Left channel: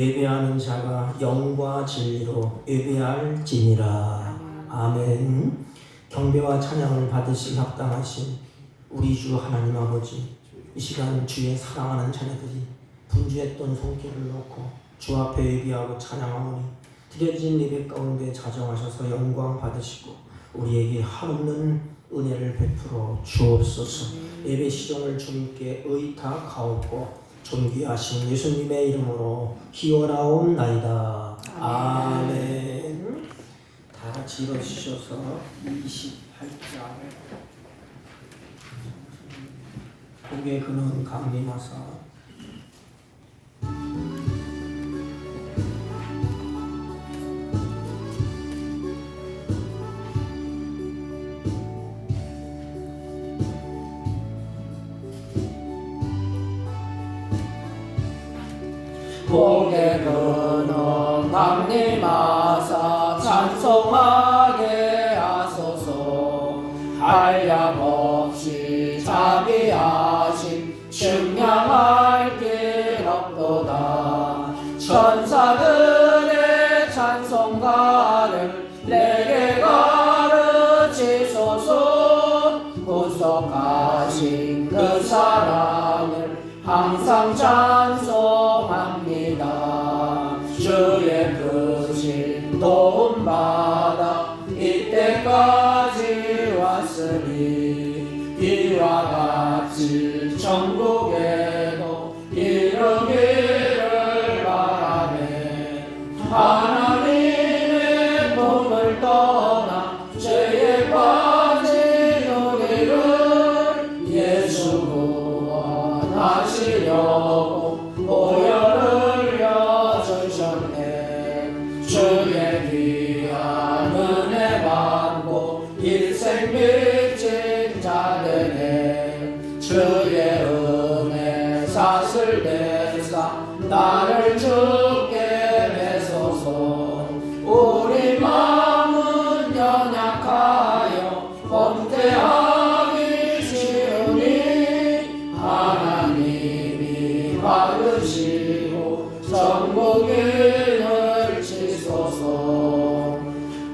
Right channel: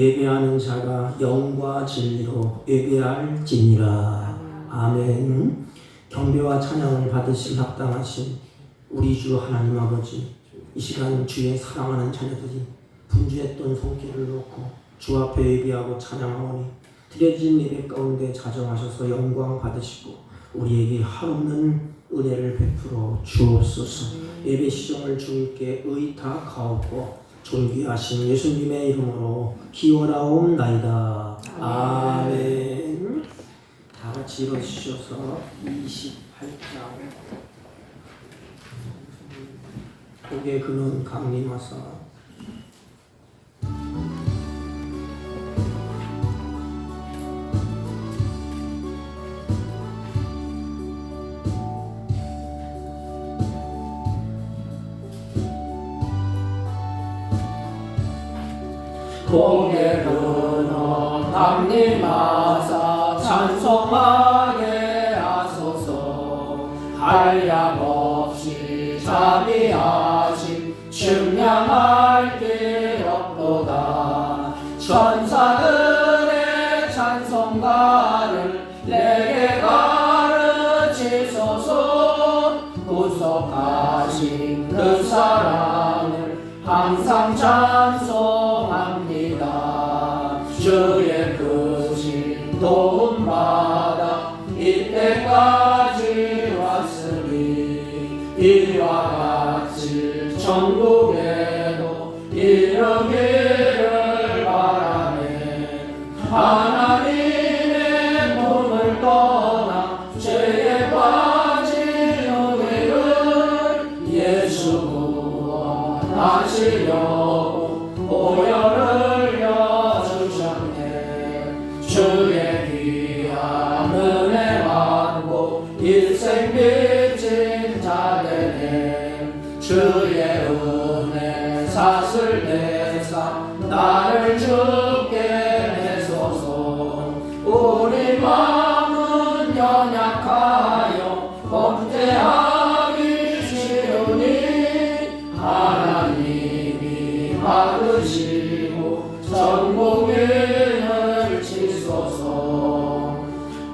예배하는 자가 영과 진리로 예배할지니라. 아멘. 경배와 찬양을 받으실 합당하신 우리 주 하나님 아버지, 이 시간 주의 사랑하는 자녀들이 분주했던 손길을 놓고 주 앞에 예배하고 찬양하오니 드려진 예배 가운데 자정하셔서 영광 받으시고 우리에게 한없는 은혜를 베풀어 주옵소서. 예배 시종을 주님께 의탁하옵고 존귀하신 예수님의 이름으로 기원하옵나이다. 아멘. 다 같이 읽어주셔서 28장. 고개 그는 강림하사 고개 그는 강림하사 찬송하게 하소서. 한량없이 자비하심 측량할 길 없도다. 천사들의 찬송가를 내게 가르치소서. 구속하신 그 사랑을 항상 찬송합니다. 주의 크신 도움받아 이때까지 왔으니 이와 같이 천국에도 이르기를 바라네. 하나님의 품을 떠나 죄에 빠진 우리를 예수 구원하시려고 보혈을 흘려주셨네. 주의 귀한 은혜 받고 일생 빚진 자들의 주의 은혜 사슬 내사 나를 죽게 해소서. 우리 마음은 연약하여 범죄하기 쉬우니 하나님이 받으시고 전국인을 치소서.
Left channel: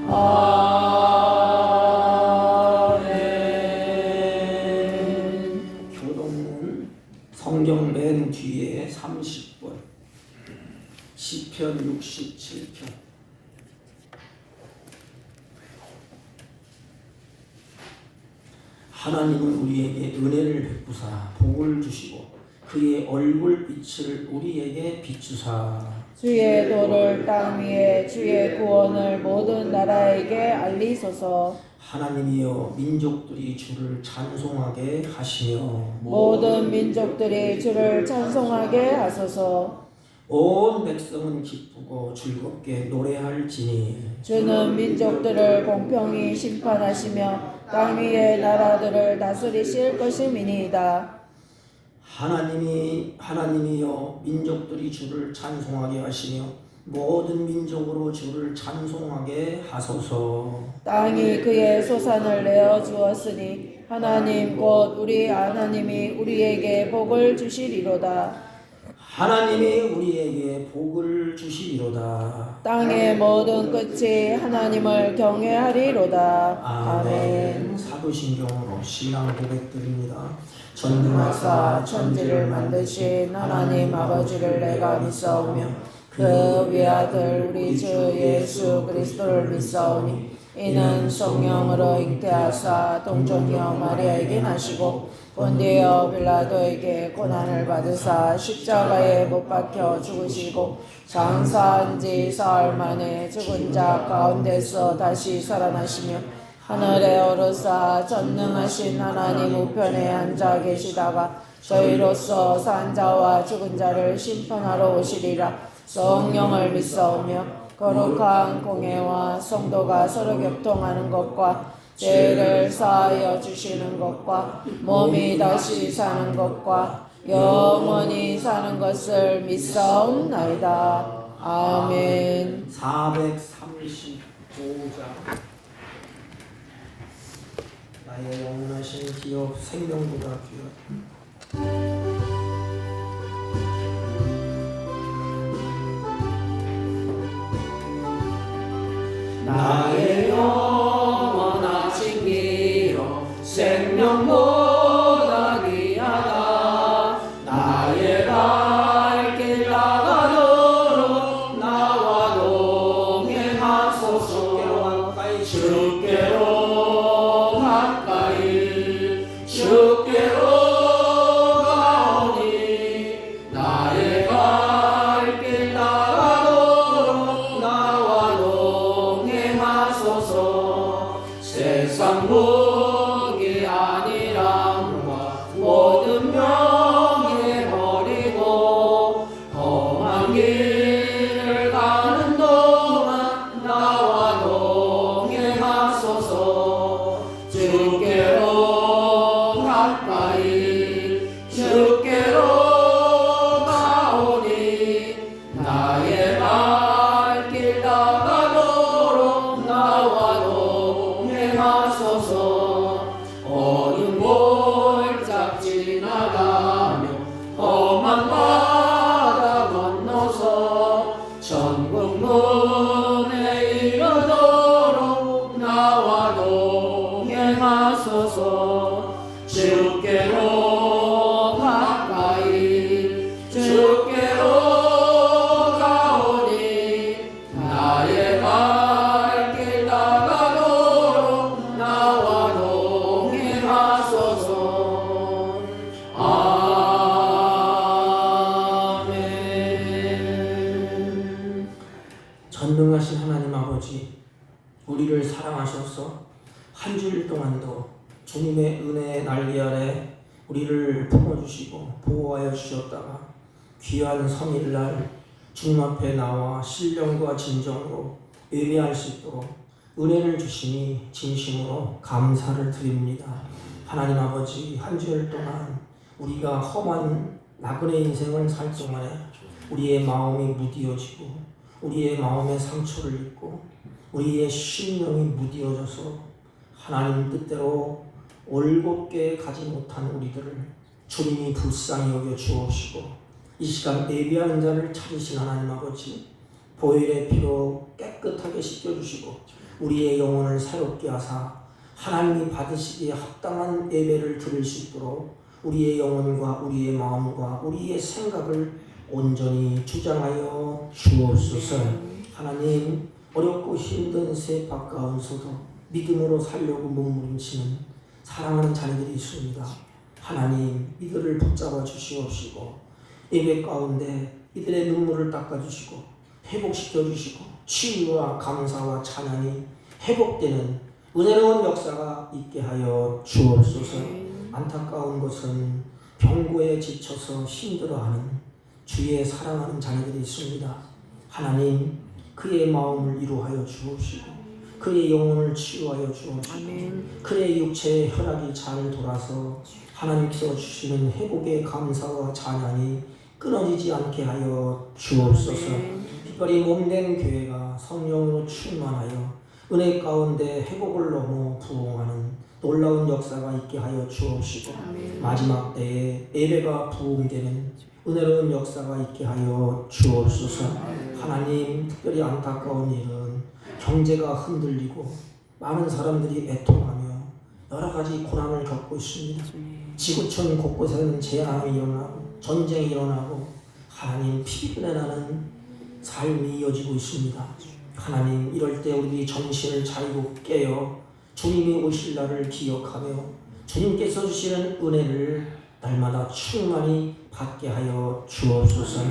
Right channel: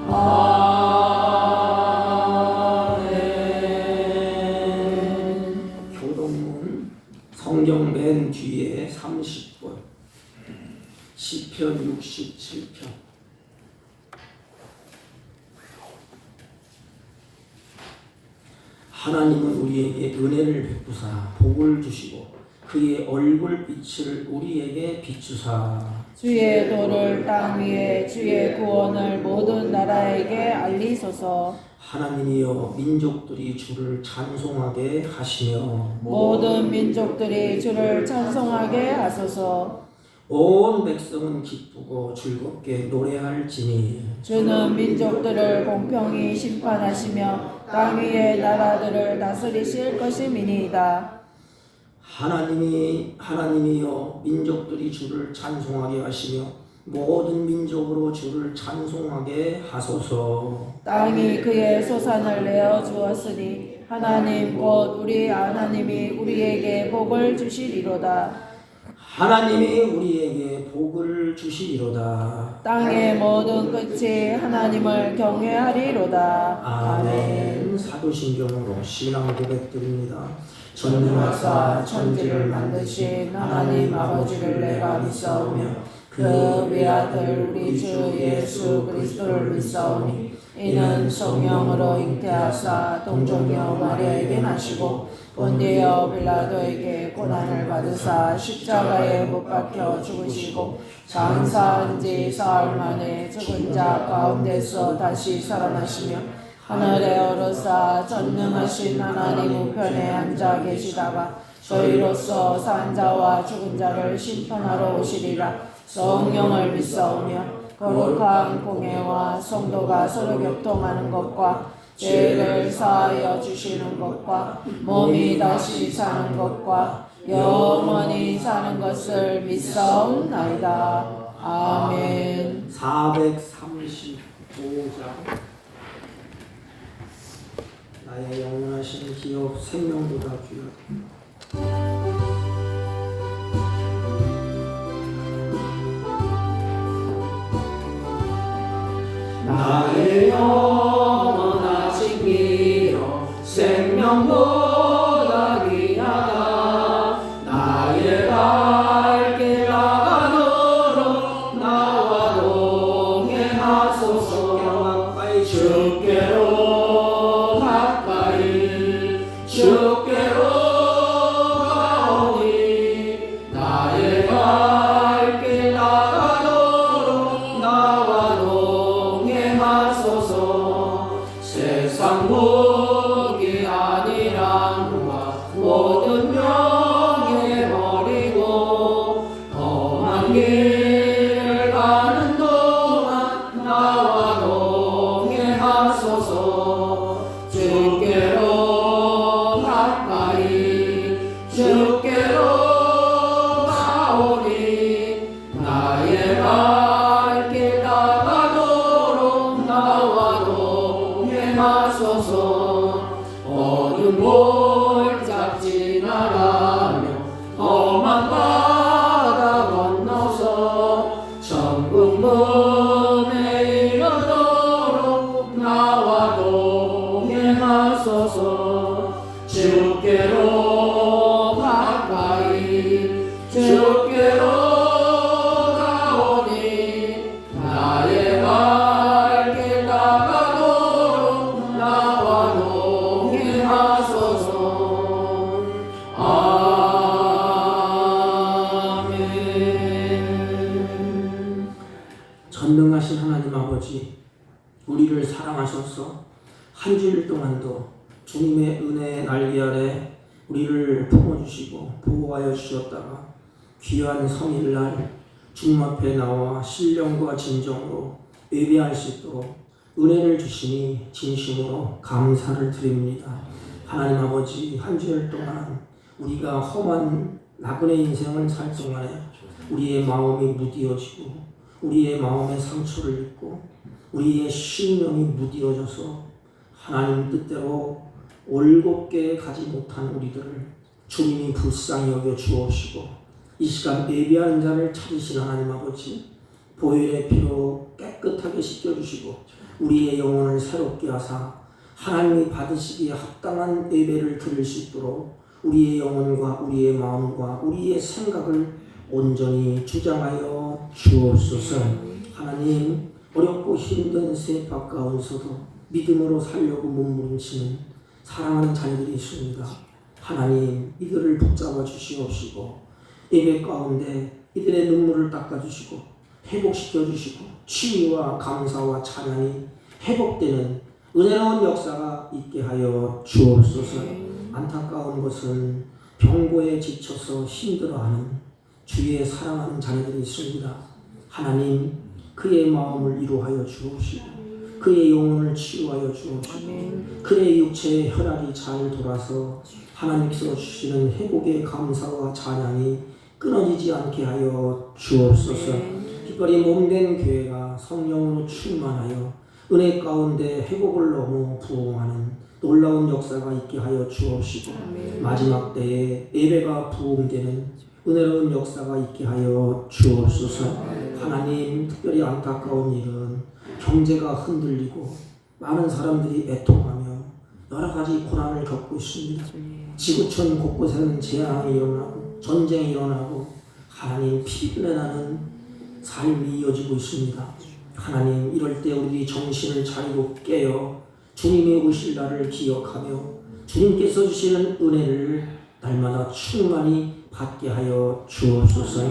아멘. 경동문 성경 맨 뒤에 30번 시편 67편. 하나님은 우리에게 은혜를 베푸사 복을 주시고 그의 얼굴빛을 우리에게 비추사 주의 도를 땅 위에 주의 구원을 모든 나라에게 알리소서. 하나님이여 민족들이 주를 찬송하게 하시며 모든 민족들이 주를 찬송하게 하소서. 온 백성은 기쁘고 즐겁게 노래할지니 주는 민족들을 공평히 심판하시며 땅 위의 나라들을 다스리실 것임이니이다. 하나님이여 민족들이 주를 찬송하게 하시며 모든 민족으로 주를 찬송하게 하소서. 땅이 그의 소산을 내어 주었으니 하나님 곧 우리 하나님이 우리에게 복을 주시리로다. 하나님이 우리에게 복을 주시리로다. 땅의 모든 끝이 하나님을 경외하리로다. 아멘. 사도신경으로 신앙 고백드립니다. 전능하사 천지를 만드신 하나님 아버지를 내가 믿사오며 그 외아들 우리 주 예수 그리스도를 믿사오니 이는 성령으로 잉태하사 동정녀 마리아에게 나시고 본디오 빌라도에게 고난을 받으사 십자가에 못 박혀 죽으시고 장사한 지 사흘 만에 죽은 자 가운데서 다시 살아나시며 하늘에 오르사 전능하신 하나님 우편에 앉아 계시다가 저희로서 산 자와 죽은 자를 심판하러 오시리라. 성령을 믿사오며 거룩한 공회와 성도가 서로 교통하는 것과 죄를 사하여 주시는 것과 몸이 다시 사는 것과 영원히 사는 것을 믿사옵나이다. 아멘. 435장 나의 영원하신 기업 생명보다 귀하다. 나의 영원한 신비로 생명보다 귀하다. 나의 발길 나가도록 나와 동행하소서. 주께로 가까이 주께로 가오니 나의 발길 나가도록 나와 동행하소서. 세상 무기 아니란과 모든 명예 버리고 험한 길을 가는 동안 나와 동행하소서. 주께로 가까이 주께로 가오니 나의 발길 나가도록 나와 동행하소서. 어둠 골짝 지나가며 험한 바다 건너서 천국 문에 이르도록 나와 동행하소서. 주께로 가까이 주께로 가오니 나의 발길 나가도록 나와 동행하소서. 아멘. 전능하신 하나님 아버지, 우리를 사랑하셔서 한 주일 동안도 주님의 은혜의 날개 아래 우리를 품어주시고 보호하여 주셨다가 귀한 성일날 주님 앞에 나와 신령과 진정으로 예배할 수 있도록 은혜를 주시니 진심으로 감사를 드립니다. 하나님 아버지, 한 주일 동안 우리가 험한 나그네 인생을 살 동안에 우리의 마음이 무디어지고 우리의 마음에 상처를 입고 우리의 심령이 무디어져서 하나님 뜻대로 올곧게 가지 못한 우리들을 주님이 불쌍히 여겨 주옵시고 이 시간 예배하는 자를 찾으신 하나님 아버지, 보혈의 피로 깨끗하게 씻겨주시고 우리의 영혼을 새롭게 하사 하나님이 받으시기에 합당한 예배를 드릴 수 있도록 우리의 영혼과 우리의 마음과 우리의 생각을 온전히 주장하여 주옵소서. 하나님, 어렵고 힘든 세파 가운데서도 믿음으로 살려고 몸부림치는 사랑하는 자녀들이 있습니다. 하나님, 이들을 붙잡아 주시옵시고 예배 가운데 이들의 눈물을 닦아주시고 회복시켜 주시고 치유와 감사와 찬양이 회복되는 은혜로운 역사가 있게 하여 주옵소서. 안타까운 것은 병고에 지쳐서 힘들어하는 주의 사랑하는 자녀들이 있습니다. 하나님, 그의 마음을 위로하여 주옵시고 그의 영혼을 치유하여 주옵시고 그의 육체의 혈압이 잘 돌아서 하나님께서 주시는 회복의 감사와 찬양이 끊어지지 않게 하여 주옵소서. 특별히 몸된 교회가 성령으로 충만하여 은혜 가운데 회복을 넘어 부흥하는 놀라운 역사가 있게 하여 주옵시고 마지막 때에 예배가 부흥되는 은혜로운 역사가 있게 하여 주옵소서. 하나님, 특별히 안타까운 일은 경제가 흔들리고 많은 사람들이 애통하며 여러 가지 고난을 겪고 있습니다. 지구촌 곳곳에는 재앙이 일어나고 전쟁이 일어나고 하나님, 피비린내 나는 삶이 이어지고 있습니다. 하나님, 이럴 때 우리 정신을 차리고 깨어 주님이 오실 날을 기억하며 주님께서 주시는 은혜를 날마다 충만히 받게 하여 주옵소서.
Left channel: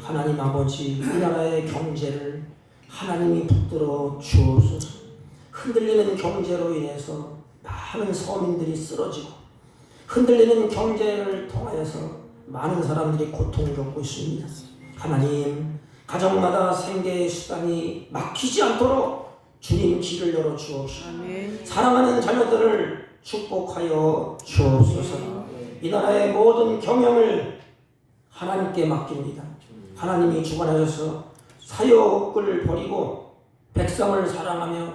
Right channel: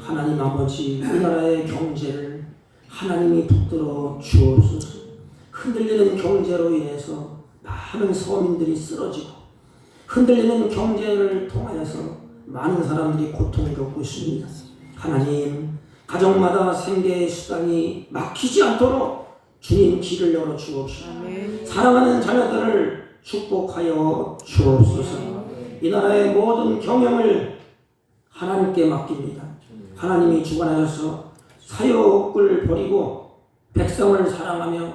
하나님 아버지, 이 나라의 경제를 하나님이 붙들어 주옵소서. 흔들리는 경제로 인해서 많은 서민들이 쓰러지고 흔들리는 경제를 통하여서 많은 사람들이 고통을 겪고 있습니다. 하나님, 가정마다 생계의 수단이 막히지 않도록 주님 길을 열어 주옵시고 사랑하는 자녀들을 축복하여 주옵소서. 이 나라의 모든 경영을 하나님께 맡깁니다. 하나님이 주관하셔서 사욕을 버리고 백성을 사랑하며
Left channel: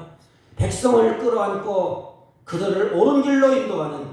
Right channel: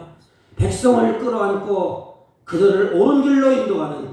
백성을 끌어안고 그들을 옳은 길로 인도하는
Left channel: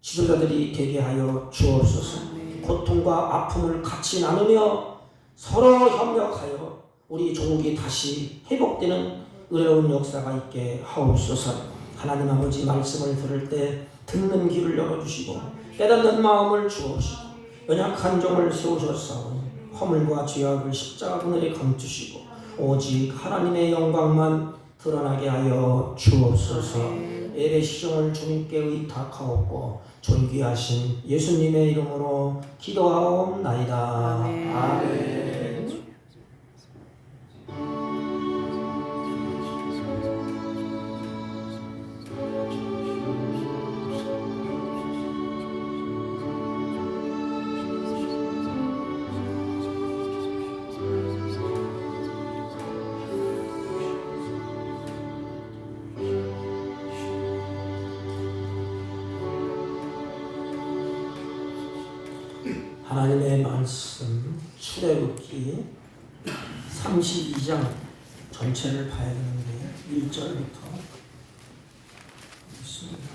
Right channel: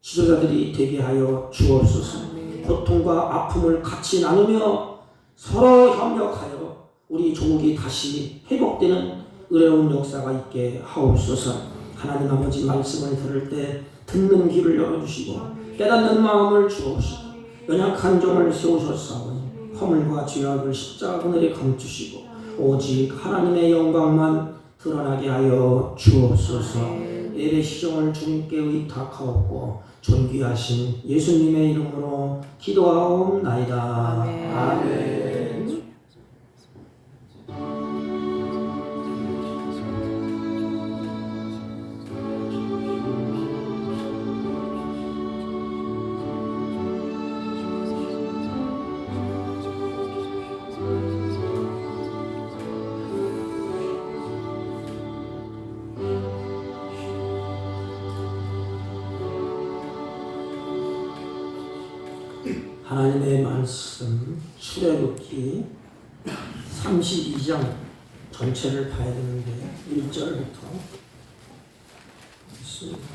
지도자들이 되게 하여 주옵소서. 고통과 아픔을 같이 나누며 서로 협력하여 우리 조국이 다시 회복되는 은혜로운 역사가 있게 하옵소서. 하나님 아버지 말씀을 들을 때 듣는 귀를 열어주시고 깨닫는 마음을 주옵시고 연약한 종을 세우셨사오니 허물과 죄악을 십자가 그늘에 감추시고 오직 하나님의 영광만 드러나게 하여 주옵소서. 예배 시종을 주님께 의탁하옵고 존귀하신 예수님의 이름으로 기도하옵나이다. 아멘. 하나님의 말씀 출애굽기 32장 전체를 봐야 되는데 1절부터 있습니다.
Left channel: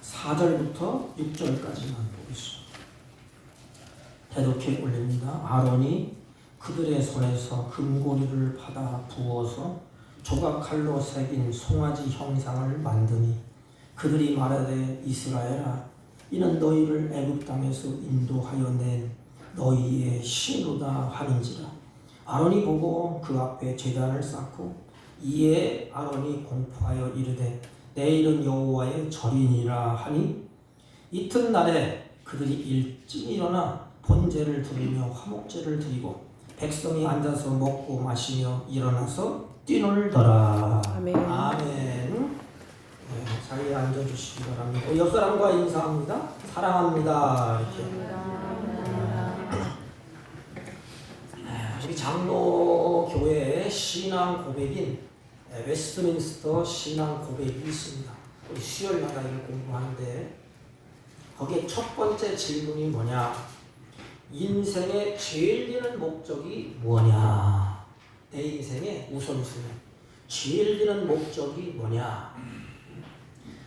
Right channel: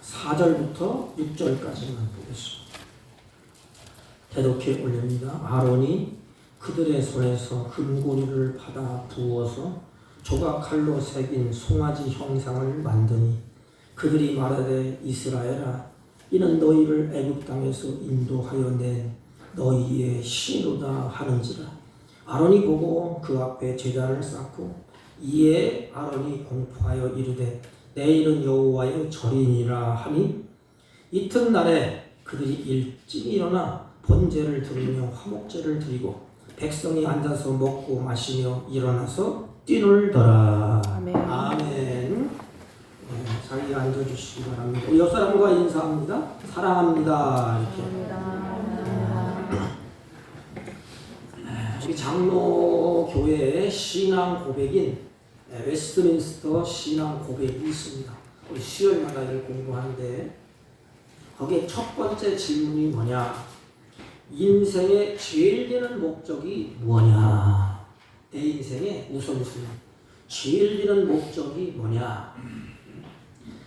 4절부터 6절까지만 보겠습니다. 대독해 올립니다. 아론이 그들의 손에서 금고리를 받아 부어서 조각칼로 새긴 송아지 형상을 만드니 그들이 말하되 이스라엘아 이는 너희를 애굽 땅에서 인도하여 낸 너희의 신이로다 하는지라. 아론이 보고 그 앞에 제단을 쌓고 이에 아론이 공포하여 이르되 내일은 여호와의 절이니라 하니 이튿날에 그들이 일찍 일어나 번제를 드리며 화목제를 드리고 백성이 앉아서 먹고 마시며 일어나서 뛰놀더라. 아멘. 아멘. 네, 자리에 앉아주시기 바랍니다. 옆 사람과 인사합니다. 사랑합니다. 이렇게. 우리 장로교회의 신앙 고백인 웨스트민스터 신앙 고백이 있습니다. 우리 수요일마다 이를 공부하는데 거기에 첫 번째 질문이 뭐냐? 인생의 제일 되는 목적이 뭐냐? 내 인생의 우선순위. 제일 되는 목적이 뭐냐?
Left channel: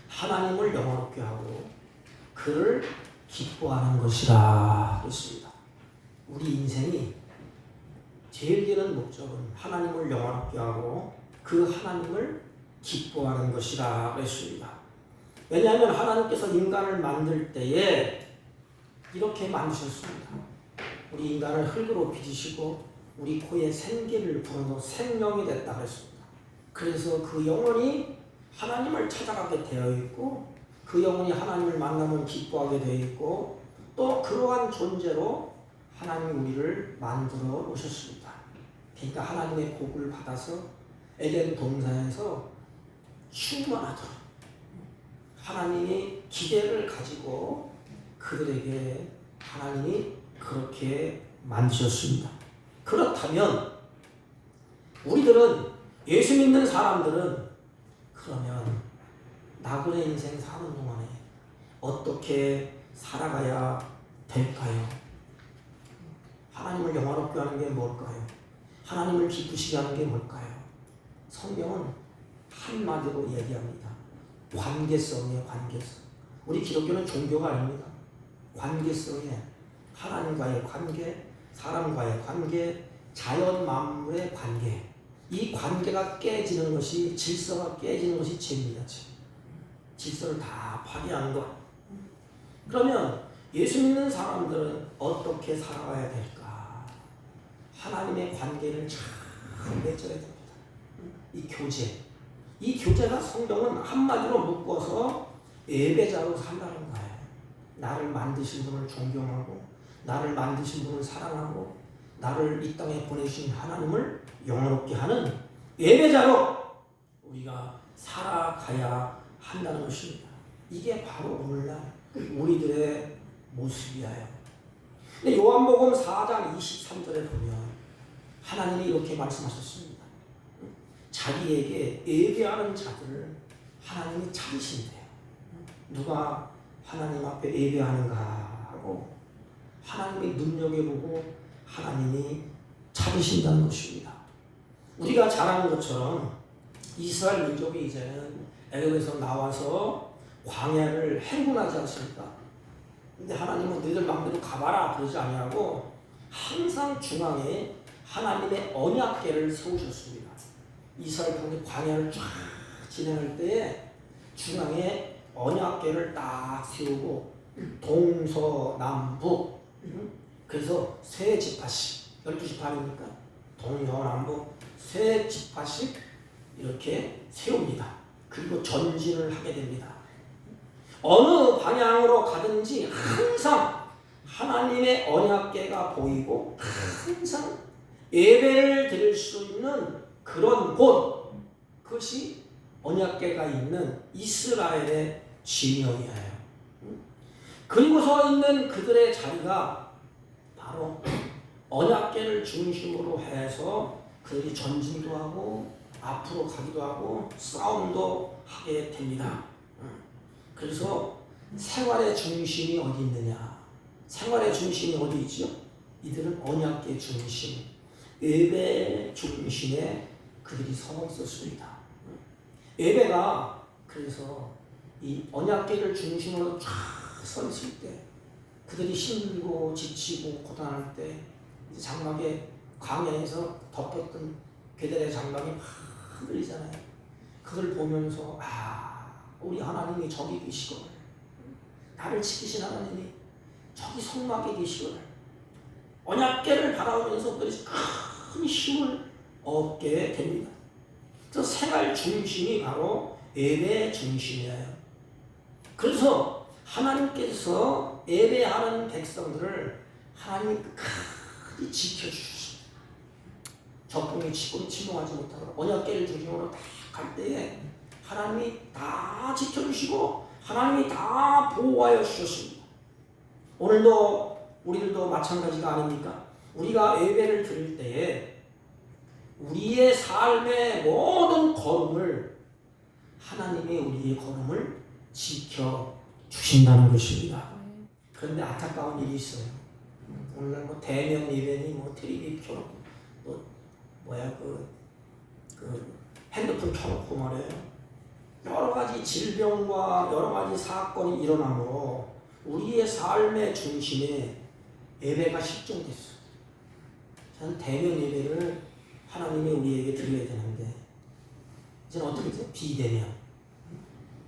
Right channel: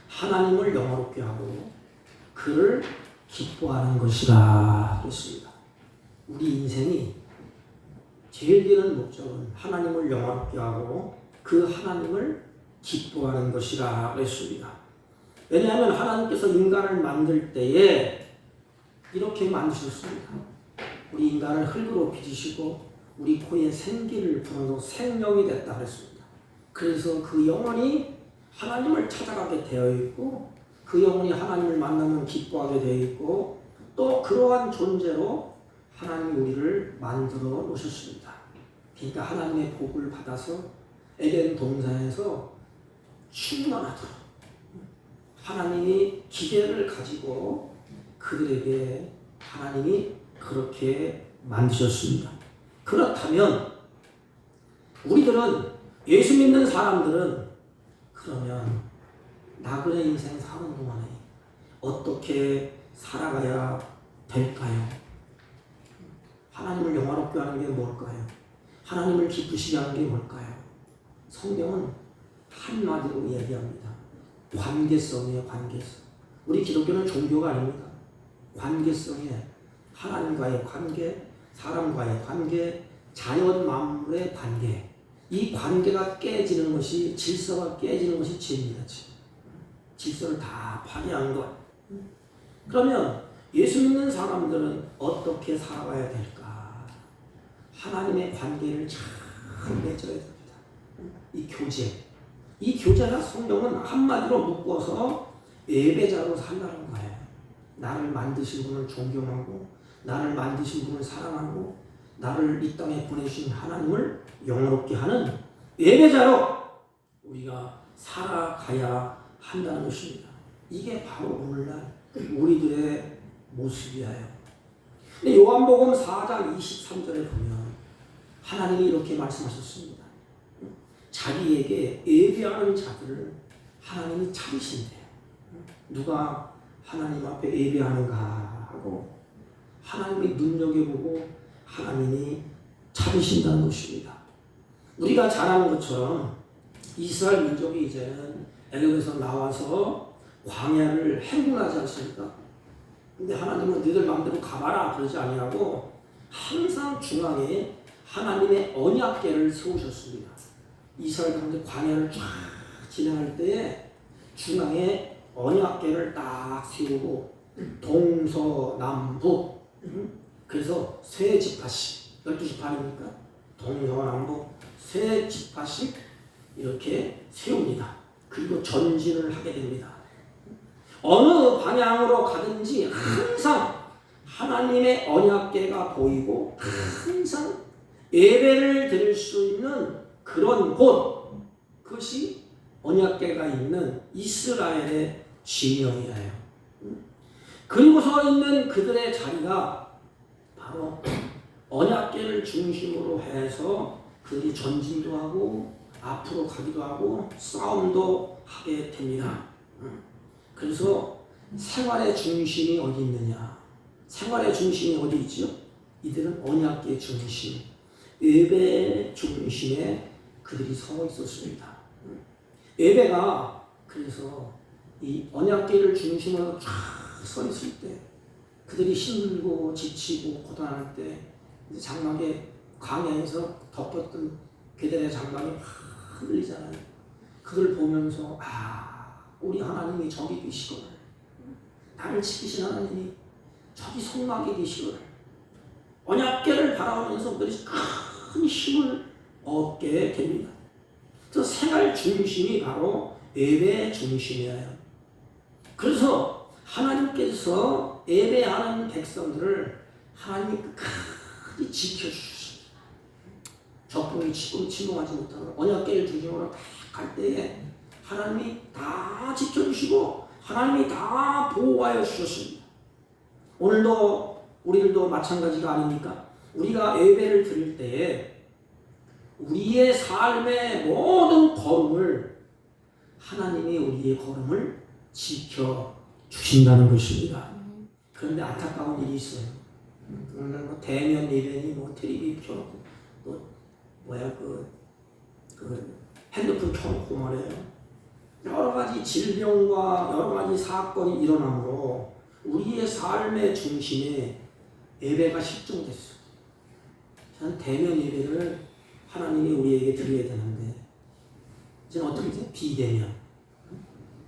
하나님을 영화롭게 하고 그를 기뻐하는 것이라 그랬습니다. 우리 인생이 제일 되는 목적은 하나님을 영화롭게 하고 그 하나님을 기뻐하는 것이라 그랬습니다. 왜냐하면 하나님께서 인간을 만들 때에 이렇게 만드셨습니다. 우리 인간을 흙으로 빚으시고 우리 코에 생기를 불어서 생명이 됐다 그랬습니다. 그래서 그 영혼이 하나님을 찾아가게 되어 있고 그 영혼이 하나님을 만나면 기뻐하게 되어 있고 또 그러한 존재로 하나님이 우리를 만들어 놓으셨습니다. 그러니까 하나님의 복을 받아서 에덴 동산에서 충만하도록 하나님이 기대를 가지고 그들에게 하나님이 그렇게 만드셨습니다. 그렇다면 우리들은 예수 믿는 사람들은 그러면 나그네 인생 사는 동안에 어떻게 살아가야 될까요? 하나님을 영화롭게 하는 게 뭘까요? 하나님을 기쁘시게 하는 게 뭘까요? 성경은 한마디로 얘기합니다. 관계성이에요. 관계성. 우리 기독교는 종교가 아닙니다. 관계성이에요. 하나님과의 관계, 사람과의 관계, 자연 만물의 관계. 이 관계가 깨지는 것이, 질서가 깨지는 것이 죄입니다. 질서를 다 파괴하는 것. 그러면 예수 믿는 사람들은 어떻게 살아가야 될까? 하나님의 관계를 잘 맺어야 됩니다. 이 교제. 이 교제가 성경은 한마디로 묶어서 예배자로 산다는 거예요. 나를 만드신 분을 존경하고 나를 만드신 분을 사랑하고 나를 이 땅에 보내주신 하나님을 영화롭게 하는 예배자로 우리가 살아가야 한다는 것입니다. 이게 바로 오늘날 우리들의 모습이에요. 근데 요한복음 4장 23절에 보면 하나님이 이렇게 말씀하셨습니다. 자기에게 예배하는 자들을 하나님이 찾으신대요. 누가 하나님 앞에 예배하는가 하고 하나님이 눈여겨보고 하나님이 찾으신다는 것입니다. 우리가 잘 아는 것처럼 이스라엘 민족이 이제는 애굽에서 나와서 광야를 행군하지 않습니까? 근데 하나님은 너희들 마음대로 가봐라 그러지 아니하고 항상 중앙에 하나님의 언약궤를 세우셨습니다. 이스라엘 강제 광야를 쫙 진행할 때에 중앙에 언약궤를 딱 세우고 동서남북, 그래서 세 지파씩, 12지파니까 동서남북 세 지파씩 이렇게 세웁니다. 그리고 전진을 하게 됩니다. 어느 방향으로 가든지 항상 하나님의 언약궤가 보이고 항상 예배를 드릴 수 있는 그런 곳, 그것이 언약궤가 있는 이스라엘의 진영이에요. 그리고 서 있는 그들의 자리가 바로 언약궤를 중심으로 해서 그들이 전진도 하고 앞으로 가기도 하고 싸움도 하게 됩니다. 그래서 생활의 중심이 어디 있느냐? 생활의 중심이 어디 있지요? 이들은 언약궤 중심, 예배 중심에 그들이 서 있었습니다. 예배가 그래서 이 언약궤를 중심으로 쫙 서 있을 때 그들이 힘들고 지치고 고단할 때 이제 장막에 광야에서 덮었던 궤들의 장막이 막 흔들리잖아요. 그걸 보면서 우리 하나님이 저기 계시거늘, 나를 지키신 하나님이 저기 성막에 계시거늘, 언약궤를 바라보면서 그들이 큰 힘을 얻게 됩니다. 그 생활 중심이 바로 예배 중심이에요. 그래서 하나님께서 예배하는 백성들을 하나님이 끝까지 지켜주셨습니다. 적군이 침공하지 못하도록 언약궤를 중심으로 다 갈 때에 하나님이 다 지켜주시고 하나님이 다 보호하여 주셨습니다. 오늘도 우리들도 마찬가지가 아닙니까? 우리가 예배를 드릴 때에 우리의 삶의 모든 걸음을 하나님이 우리의 걸음을 지켜주신다는 것입니다. 그런데 안타까운 일이 있어요. 오늘 뭐 대면 예배니 뭐 텔레비 켜놓고 그 핸드폰 켜놓고 말이에요. 여러 가지 질병과 여러 가지 사건이 일어나므로 우리의 삶의 중심에 예배가 실종됐어요. 저는 대면 예배를 하나님이 우리에게 드려야 되는데 이제 어떻게 되죠? 비대면.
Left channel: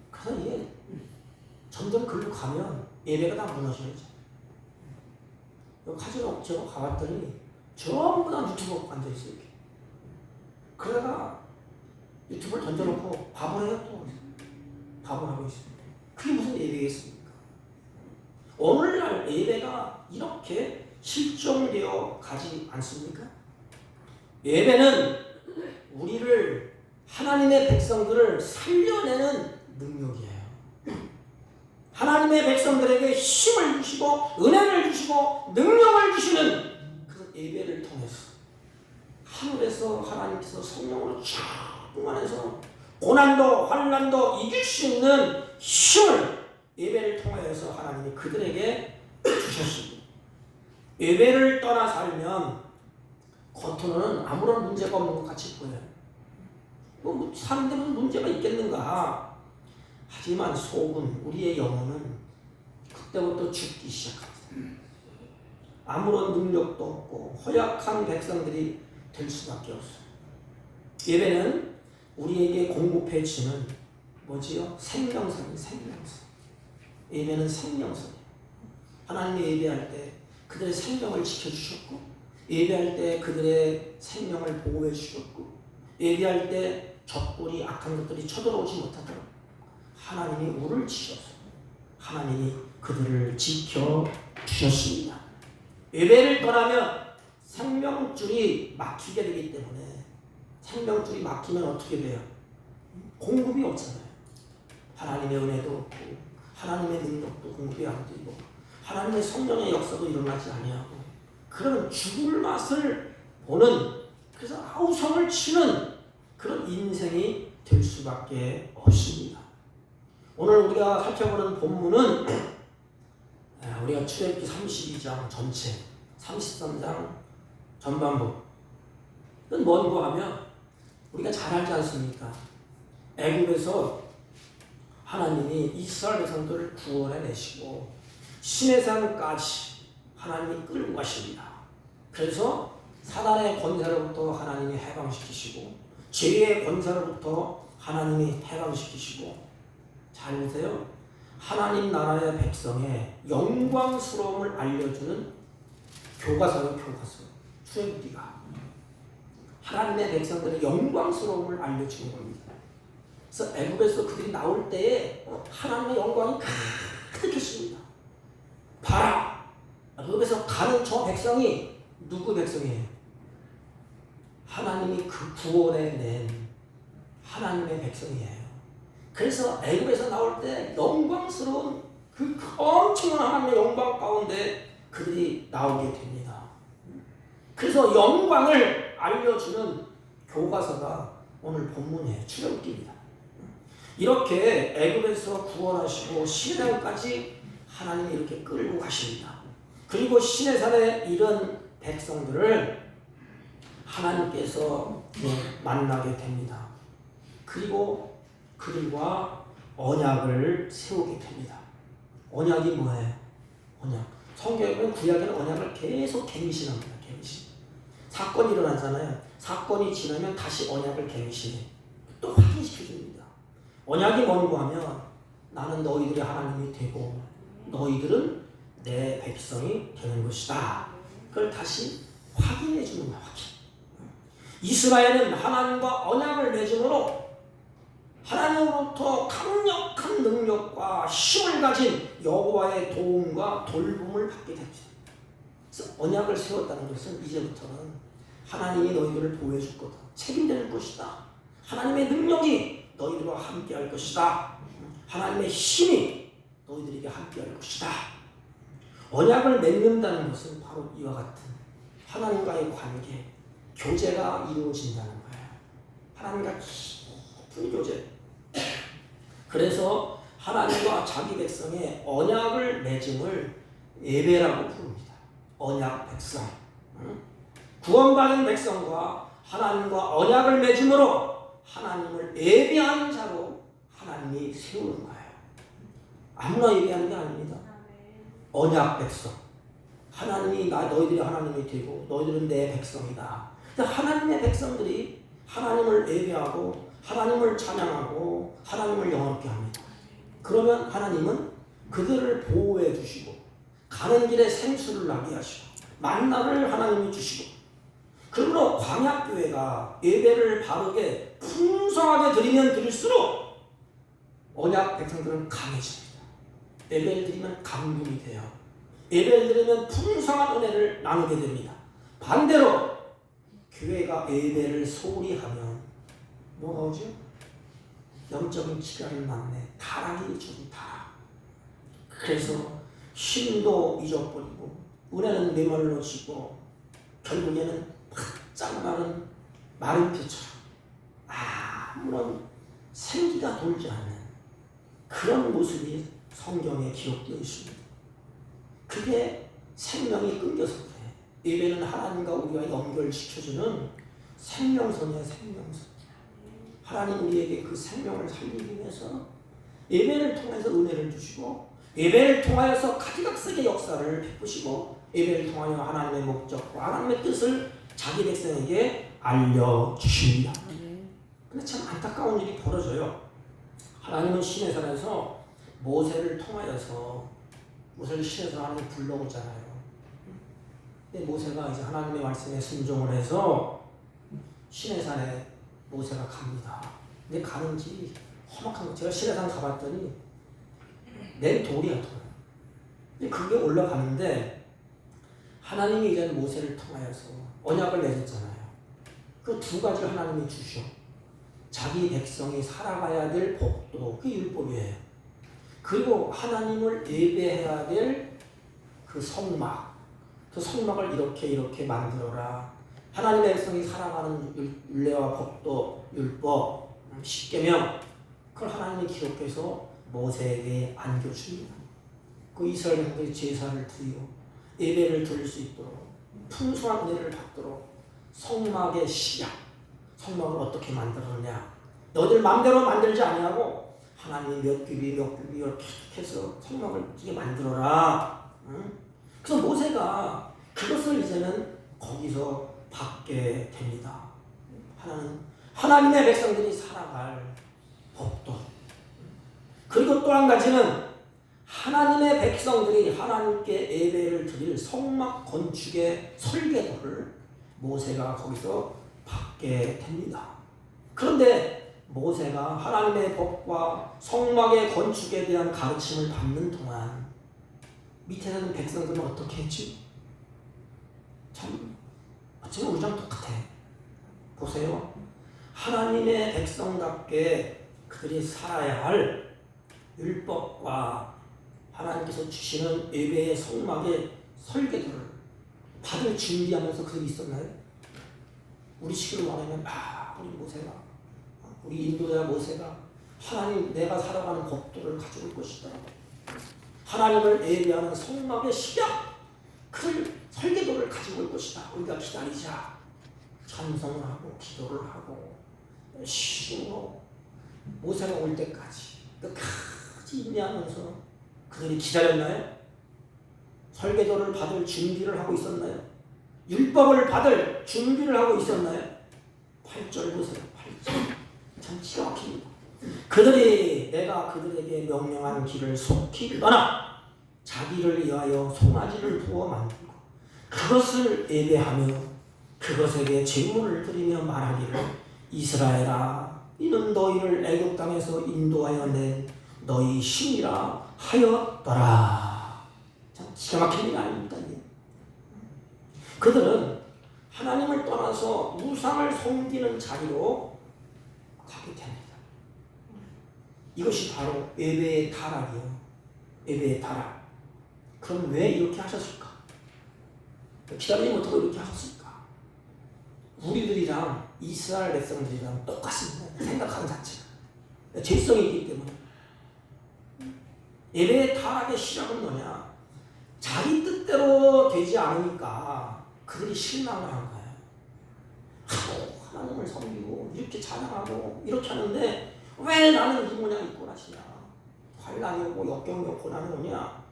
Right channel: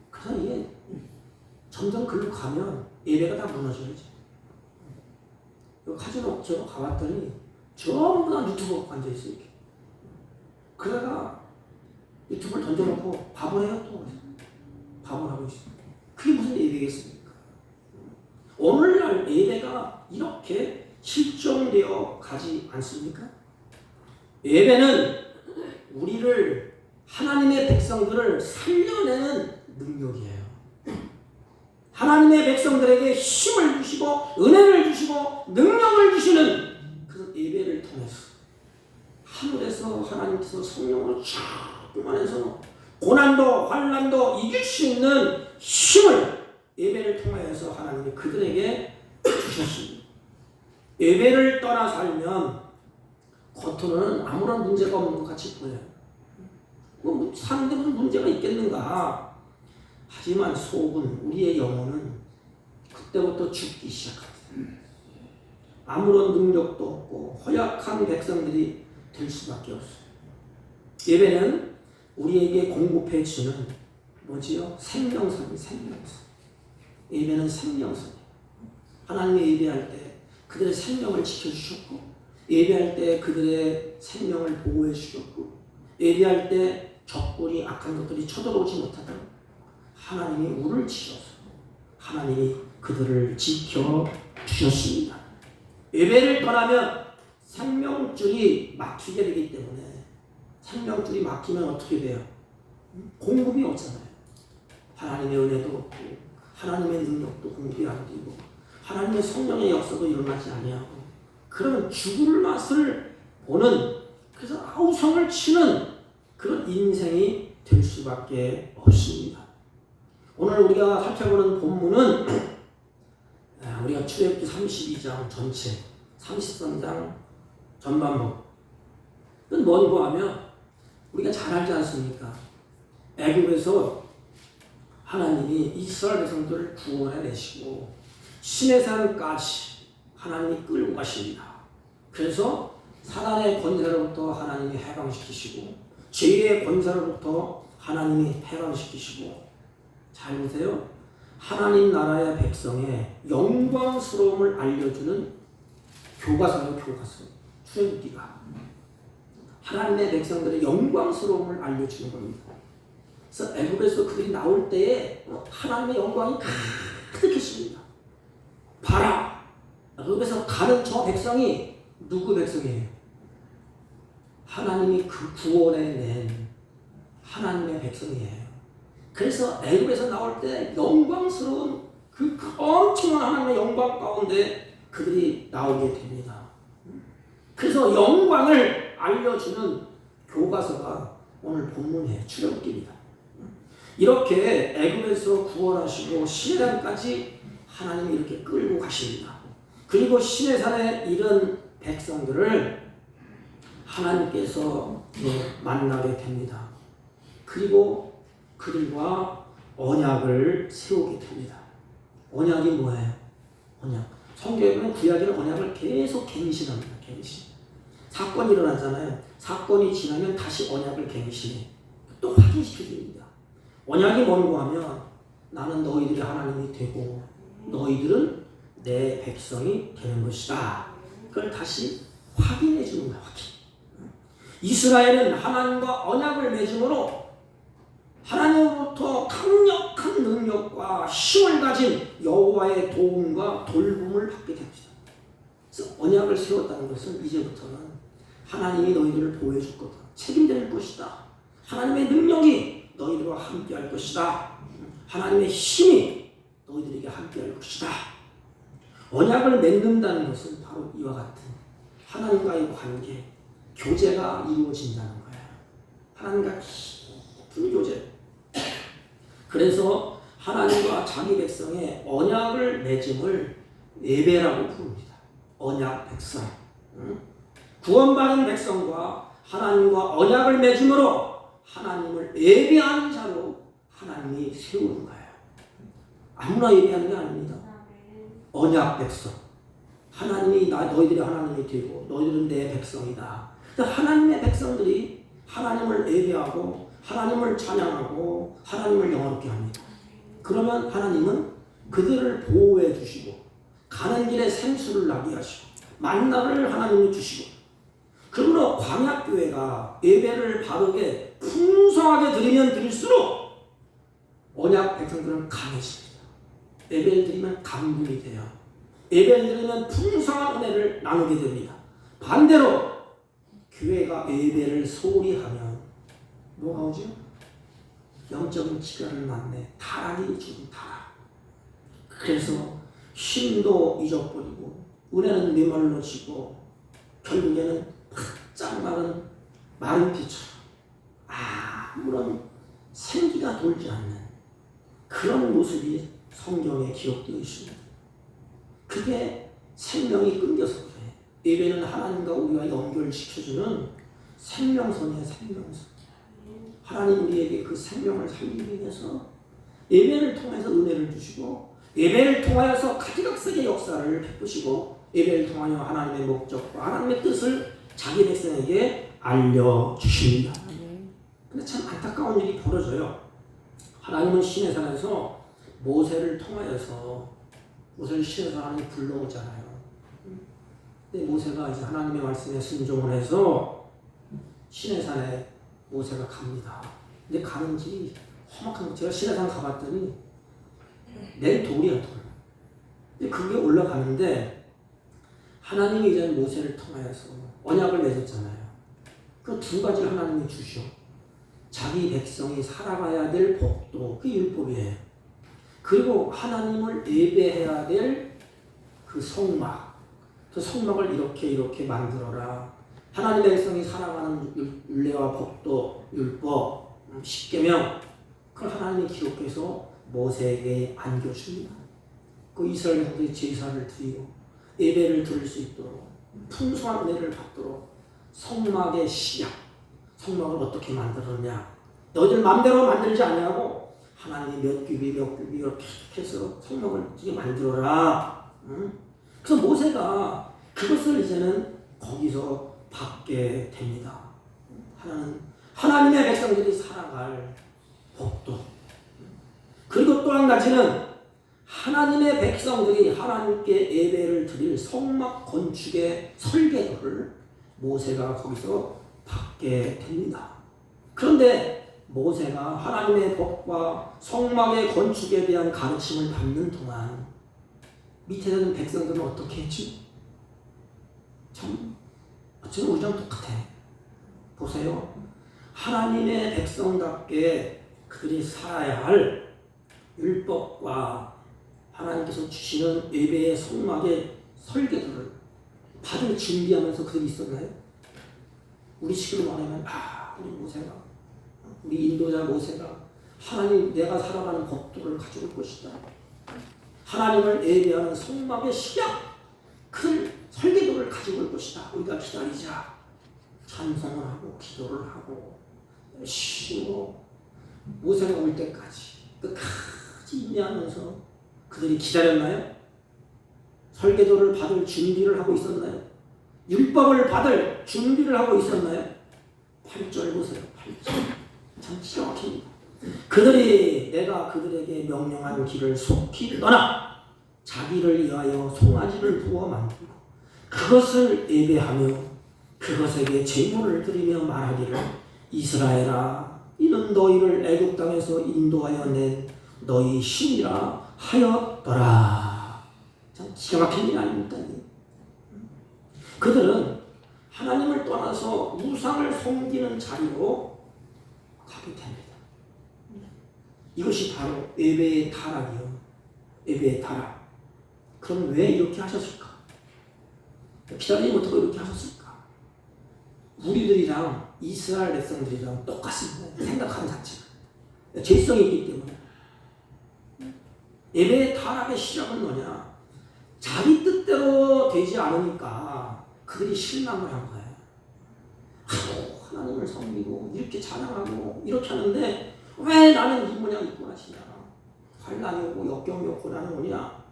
그래서 이게 점점 글로 가면 예배가 다 무너져야죠. 카지노 제가 가봤더니 전부 다 유튜브 앉아있어요. 이렇게. 그러다가 유튜브를 던져놓고 밥을 해요. 또 밥을 하고 있어요. 그게 무슨 예배겠습니까? 오늘날 예배가 이렇게 실종되어 가지 않습니까? 예배는 우리를, 하나님의 백성들을 살려내는 능력이에요. 하나님의 백성들에게 힘을 주시고 은혜를 주시고 능력을 주시는 그 예배를 통해서 하늘에서 하나님께서 성령으로 충만해서 고난도 환난도 이길 수 있는 힘을 예배를 통해서 하나님이 그들에게 주셨습니다. 예배를 떠나 살면 겉으로는 아무런 문제가 없는 것 같이 보여요. 뭐 사는데 무슨 문제가 있겠는가? 하지만 속은, 우리의 영혼은 그때부터 죽기 시작합니다. 아무런 능력도 없고 허약한 백성들이 될 수밖에 없어요. 예배는 우리에게 공급해 주는 뭐지요? 생명선이에요. 생명선. 예배는 생명선이에요. 하나님의 예배할 때 그들의 생명을 지켜주셨고, 예배할 때 그들의 생명을 보호해 주셨고, 예배할 때 적군이 악한 것들이 쳐들어오지 못하도록 하나님이 물을 치셔서 하나님이 그들을 지켜주셨습니다. 예배를 떠나면 생명줄이 막히게 되기 때문에, 생명줄이 막히면 어떻게 돼요? 공급이 없잖아요. 하나님의 은혜도 없고 하나님의 능력도 공급이 안 되고 하나님의 성령의 역사도 일어나지 아니하고 그런 죽을 맛을 보는, 그래서 아우성을 치는 그런 인생이 될 수밖에 없습니다. 오늘 우리가 살펴보는 본문은 우리가 출애굽기 32장 전체, 33장 전반부. 이건 뭔고 하면 우리가 잘 알지 않습니까? 애굽에서 하나님이 이스라엘 백성들을 구원해 내시고 시내산까지 하나님이 끌고 가십니다. 그래서 사단의 권세로부터 하나님이 해방시키시고 죄의 권세로부터 하나님이 해방시키시고 잘 보세요. 하나님 나라의 백성의 영광스러움을 알려주는 교과서는 교과서 출애굽기가 하나님의 백성들의 영광스러움을 알려주는 겁니다. 그래서 애굽에서 그들이 나올 때에 하나님의 영광이 가득했습니다. 봐라! 애굽에서 가는 저 백성이 누구 백성이에요? 하나님이 그 구원해 낸 하나님의 백성이에요. 그래서 애굽에서 나올 때 영광스러운 그 엄청난 하나님의 영광 가운데 그들이 나오게 됩니다. 그래서 영광을 알려주는 교과서가 오늘 본문의 출애굽기입니다. 이렇게 애굽에서 구원하시고 시내산까지 하나님이 이렇게 끌고 가십니다. 그리고 시내산에 이른 백성들을 하나님께서 만나게 됩니다. 그리고 그들과 언약을 세우게 됩니다. 언약이 뭐예요? 언약. 성경에는 구약에는 언약을 계속 갱신합니다. 갱신. 사건이 일어나잖아요. 사건이 지나면 다시 언약을 갱신해. 또 확인시켜줍니다. 언약이 뭔고 하면 나는 너희들의 하나님이 되고 너희들은 내 백성이 되는 것이다. 그걸 다시 확인해 주는 거야. 확인. 이스라엘은 하나님과 언약을 맺음으로 하나님으로부터 강력한 능력과 힘을 가진 여호와의 도움과 돌봄을 받게 됩니다. 그래서 언약을 세웠다는 것은 이제부터는 하나님이 너희들을 보호해줄 거다. 책임질 것이다. 하나님의 능력이 너희들과 함께할 것이다. 하나님의 힘이 너희들에게 함께할 것이다. 언약을 맺는다는 것은 바로 이와 같은 하나님과의 관계, 교제가 이루어진다는 거예요. 하나님과 깊은 교제. 그래서 하나님과 자기 백성의 언약을 맺음을 예배라고 부릅니다. 언약 백성. 구원받은 백성과 하나님과 언약을 맺음으로 하나님을 예배하는 자로 하나님이 세우는 거예요. 아무나 예배하는 게 아닙니다. 언약 백성. 하나님이 너희들이 하나님이 되고 너희들은 내 백성이다. 하나님의 백성들이 하나님을 예배하고 하나님을 찬양하고 하나님을 영화롭게 합니다. 그러면 하나님은 그들을 보호해 주시고 가는 길에 생수를 나게 하시고 만나를 하나님이 주시고 그러므로 광야교회가 예배를 바르게 풍성하게 드리면 드릴수록 언약 백성들은 강해집니다. 예배를 드리면 감동이 돼요. 예배를 드리면 풍성한 은혜를 나누게 됩니다. 반대로 교회가 예배를 소홀히 하면 뭐가 오지? 영적인 기가를 낳네. 타락이 좀 타락. 그래서 힘도 잊어버리고 은혜는 메말라지고 결국에는 바짝 마른 마른 피처럼 아무런 생기가 돌지 않는 그런 모습이 성경에 기록되어 있습니다. 그게 생명이 끊겨서 그래. 예배는 하나님과 우리와 연결시켜주는 생명선이야. 생명선. 하나님 우리에게 그 생명을 살리기 위해서 예배를 통해서 은혜를 주시고 예배를 통하여서 가지각색의 역사를 베푸시고 예배를 통하여 하나님의 목적과 하나님의 뜻을 자기 백성에게 알려주십니다. 근데 참 안타까운 일이 벌어져요. 하나님은 시내산에서 모세를 통하여서 모세를 시내에서 하나님이 불러오잖아요. 근데 모세가 이제 하나님의 말씀에 순종을 해서 시내산에 모세가 갑니다. 근데 가는지 험악한 거. 제가 시내산 가봤더니 낸 돌이야 돌. 근데 그게 올라가는데 하나님이 이제 모세를 통하여서 언약을 맺었잖아요. 그 두 가지를 하나님이 주셔. 자기 백성이 살아가야 될 법도 그게 율법이에요. 그리고 하나님을 예배해야 될 그 성막. 그 성막을 이렇게 만들어라. 하나님의 백성이 살아가는 율례와 법도 율법, 십계명 그걸 하나님이 기록해서 모세에게 안겨줍니다. 그 이스라엘 백성들이 제사를 드리고 예배를 드릴 수 있도록 풍성한 은혜를 받도록 성막의 시작, 성막을 어떻게 만들었냐. 너희들 마음대로 만들지 아니하고 하나님이 몇 규비 이렇게 해서 성막을 어떻게 만들어라. 그래서 모세가 그것을 이제는 거기서 받게 됩니다. 하나님의 백성들이 살아갈 복도. 그리고 또 한 가지는 하나님의 백성들이 하나님께 예배를 드릴 성막 건축의 설계도를 모세가 거기서 받게 됩니다. 그런데 모세가 하나님의 법과 성막의 건축에 대한 가르침을 받는 동안 밑에 있는 백성들은 어떻게 했지? 참 어쩌면 우리랑 똑같아. 보세요. 하나님의 백성답게 그들이 살아야 할 율법과 하나님께서 주시는 예배의 성막의 설계도를 받을 준비하면서 그들이 있었나요? 우리 식으로 말하면 우리 모세가, 우리 인도자 모세가 하나님 내가 살아가는 법도를 가져올 것이다. 하나님을 예배하는 성막의 식약, 그 설계도를 가지고 올 것이다. 우리가 기다리자. 찬송을 하고 기도를 하고 열심히 모세가 올 때까지 끝까지 인내하면서 그들이 기다렸나요? 설계도를 받을 준비를 하고 있었나요? 율법을 받을 준비를 하고 있었나요? 8절 보세요. 8절. 참 기가 막힙니다. 그들이 내가 그들에게 명령한 길을 속히 떠나 자기를 위하여 송아지를 부어 만들고 그것을 예배하며 그것에게 제물을 드리며 말하기를 이스라엘아 이는 너희를 애굽 땅에서 인도하여 낸 너희 신이라 하였더라. 참 기가 막힌 일 아닙니까? 그들은 하나님을 떠나서 우상을 섬기는 자리로 가게 됩니다. 이것이 바로 예배의 타락이요. 예배의 타락. 그럼 왜 이렇게 하셨을까? 기다리지 못하고 이렇게 하셨을까? 우리들이랑 이스라엘 백성들이랑 똑같습니다. 생각하는 자체가. 죄성이 있기 때문에. 예배의 타락의 시작은 뭐냐? 자기 뜻대로 되지 않으니까 그들이 실망을 한 거예요. 하나님을 섬기고 이렇게 찬양하고 이렇게 하는데 왜 나는 이 모양 입고 나시냐? 환난이 오고 역경이 오고 나는 오냐?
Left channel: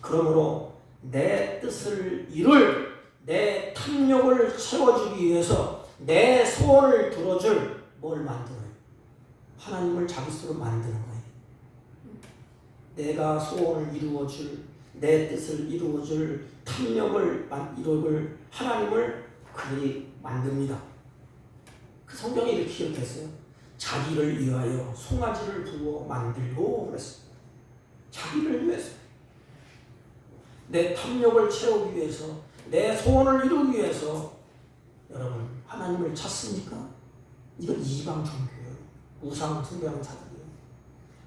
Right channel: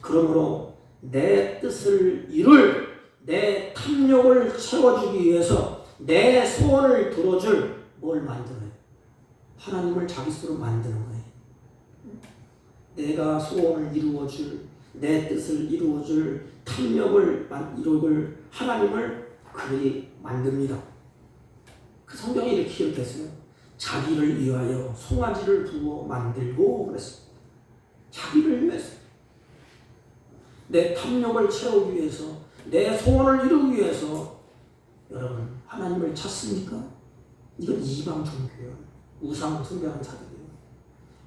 그러므로 내 뜻을 이룰 내 탐욕을 채워주기 위해서 내 소원을 들어줄 뭘 만드는? 하나님을 자기 스스로 만드는 거예요. 내가 소원을 이루어줄 내 뜻을 이루어줄 탐욕을 이루어줄 하나님을 그들이 만듭니다. 그 성경에 이렇게 했어요. 자기를 위하여 송아지를 두어 만들고 그랬어요. 자기를 위해서 내 탐욕을 채우기 위해서 내 소원을 이루기 위해서 여러분 하나님을 찾습니까? 이건 이방 종교예요. 우상 숭배하는 자들이에요.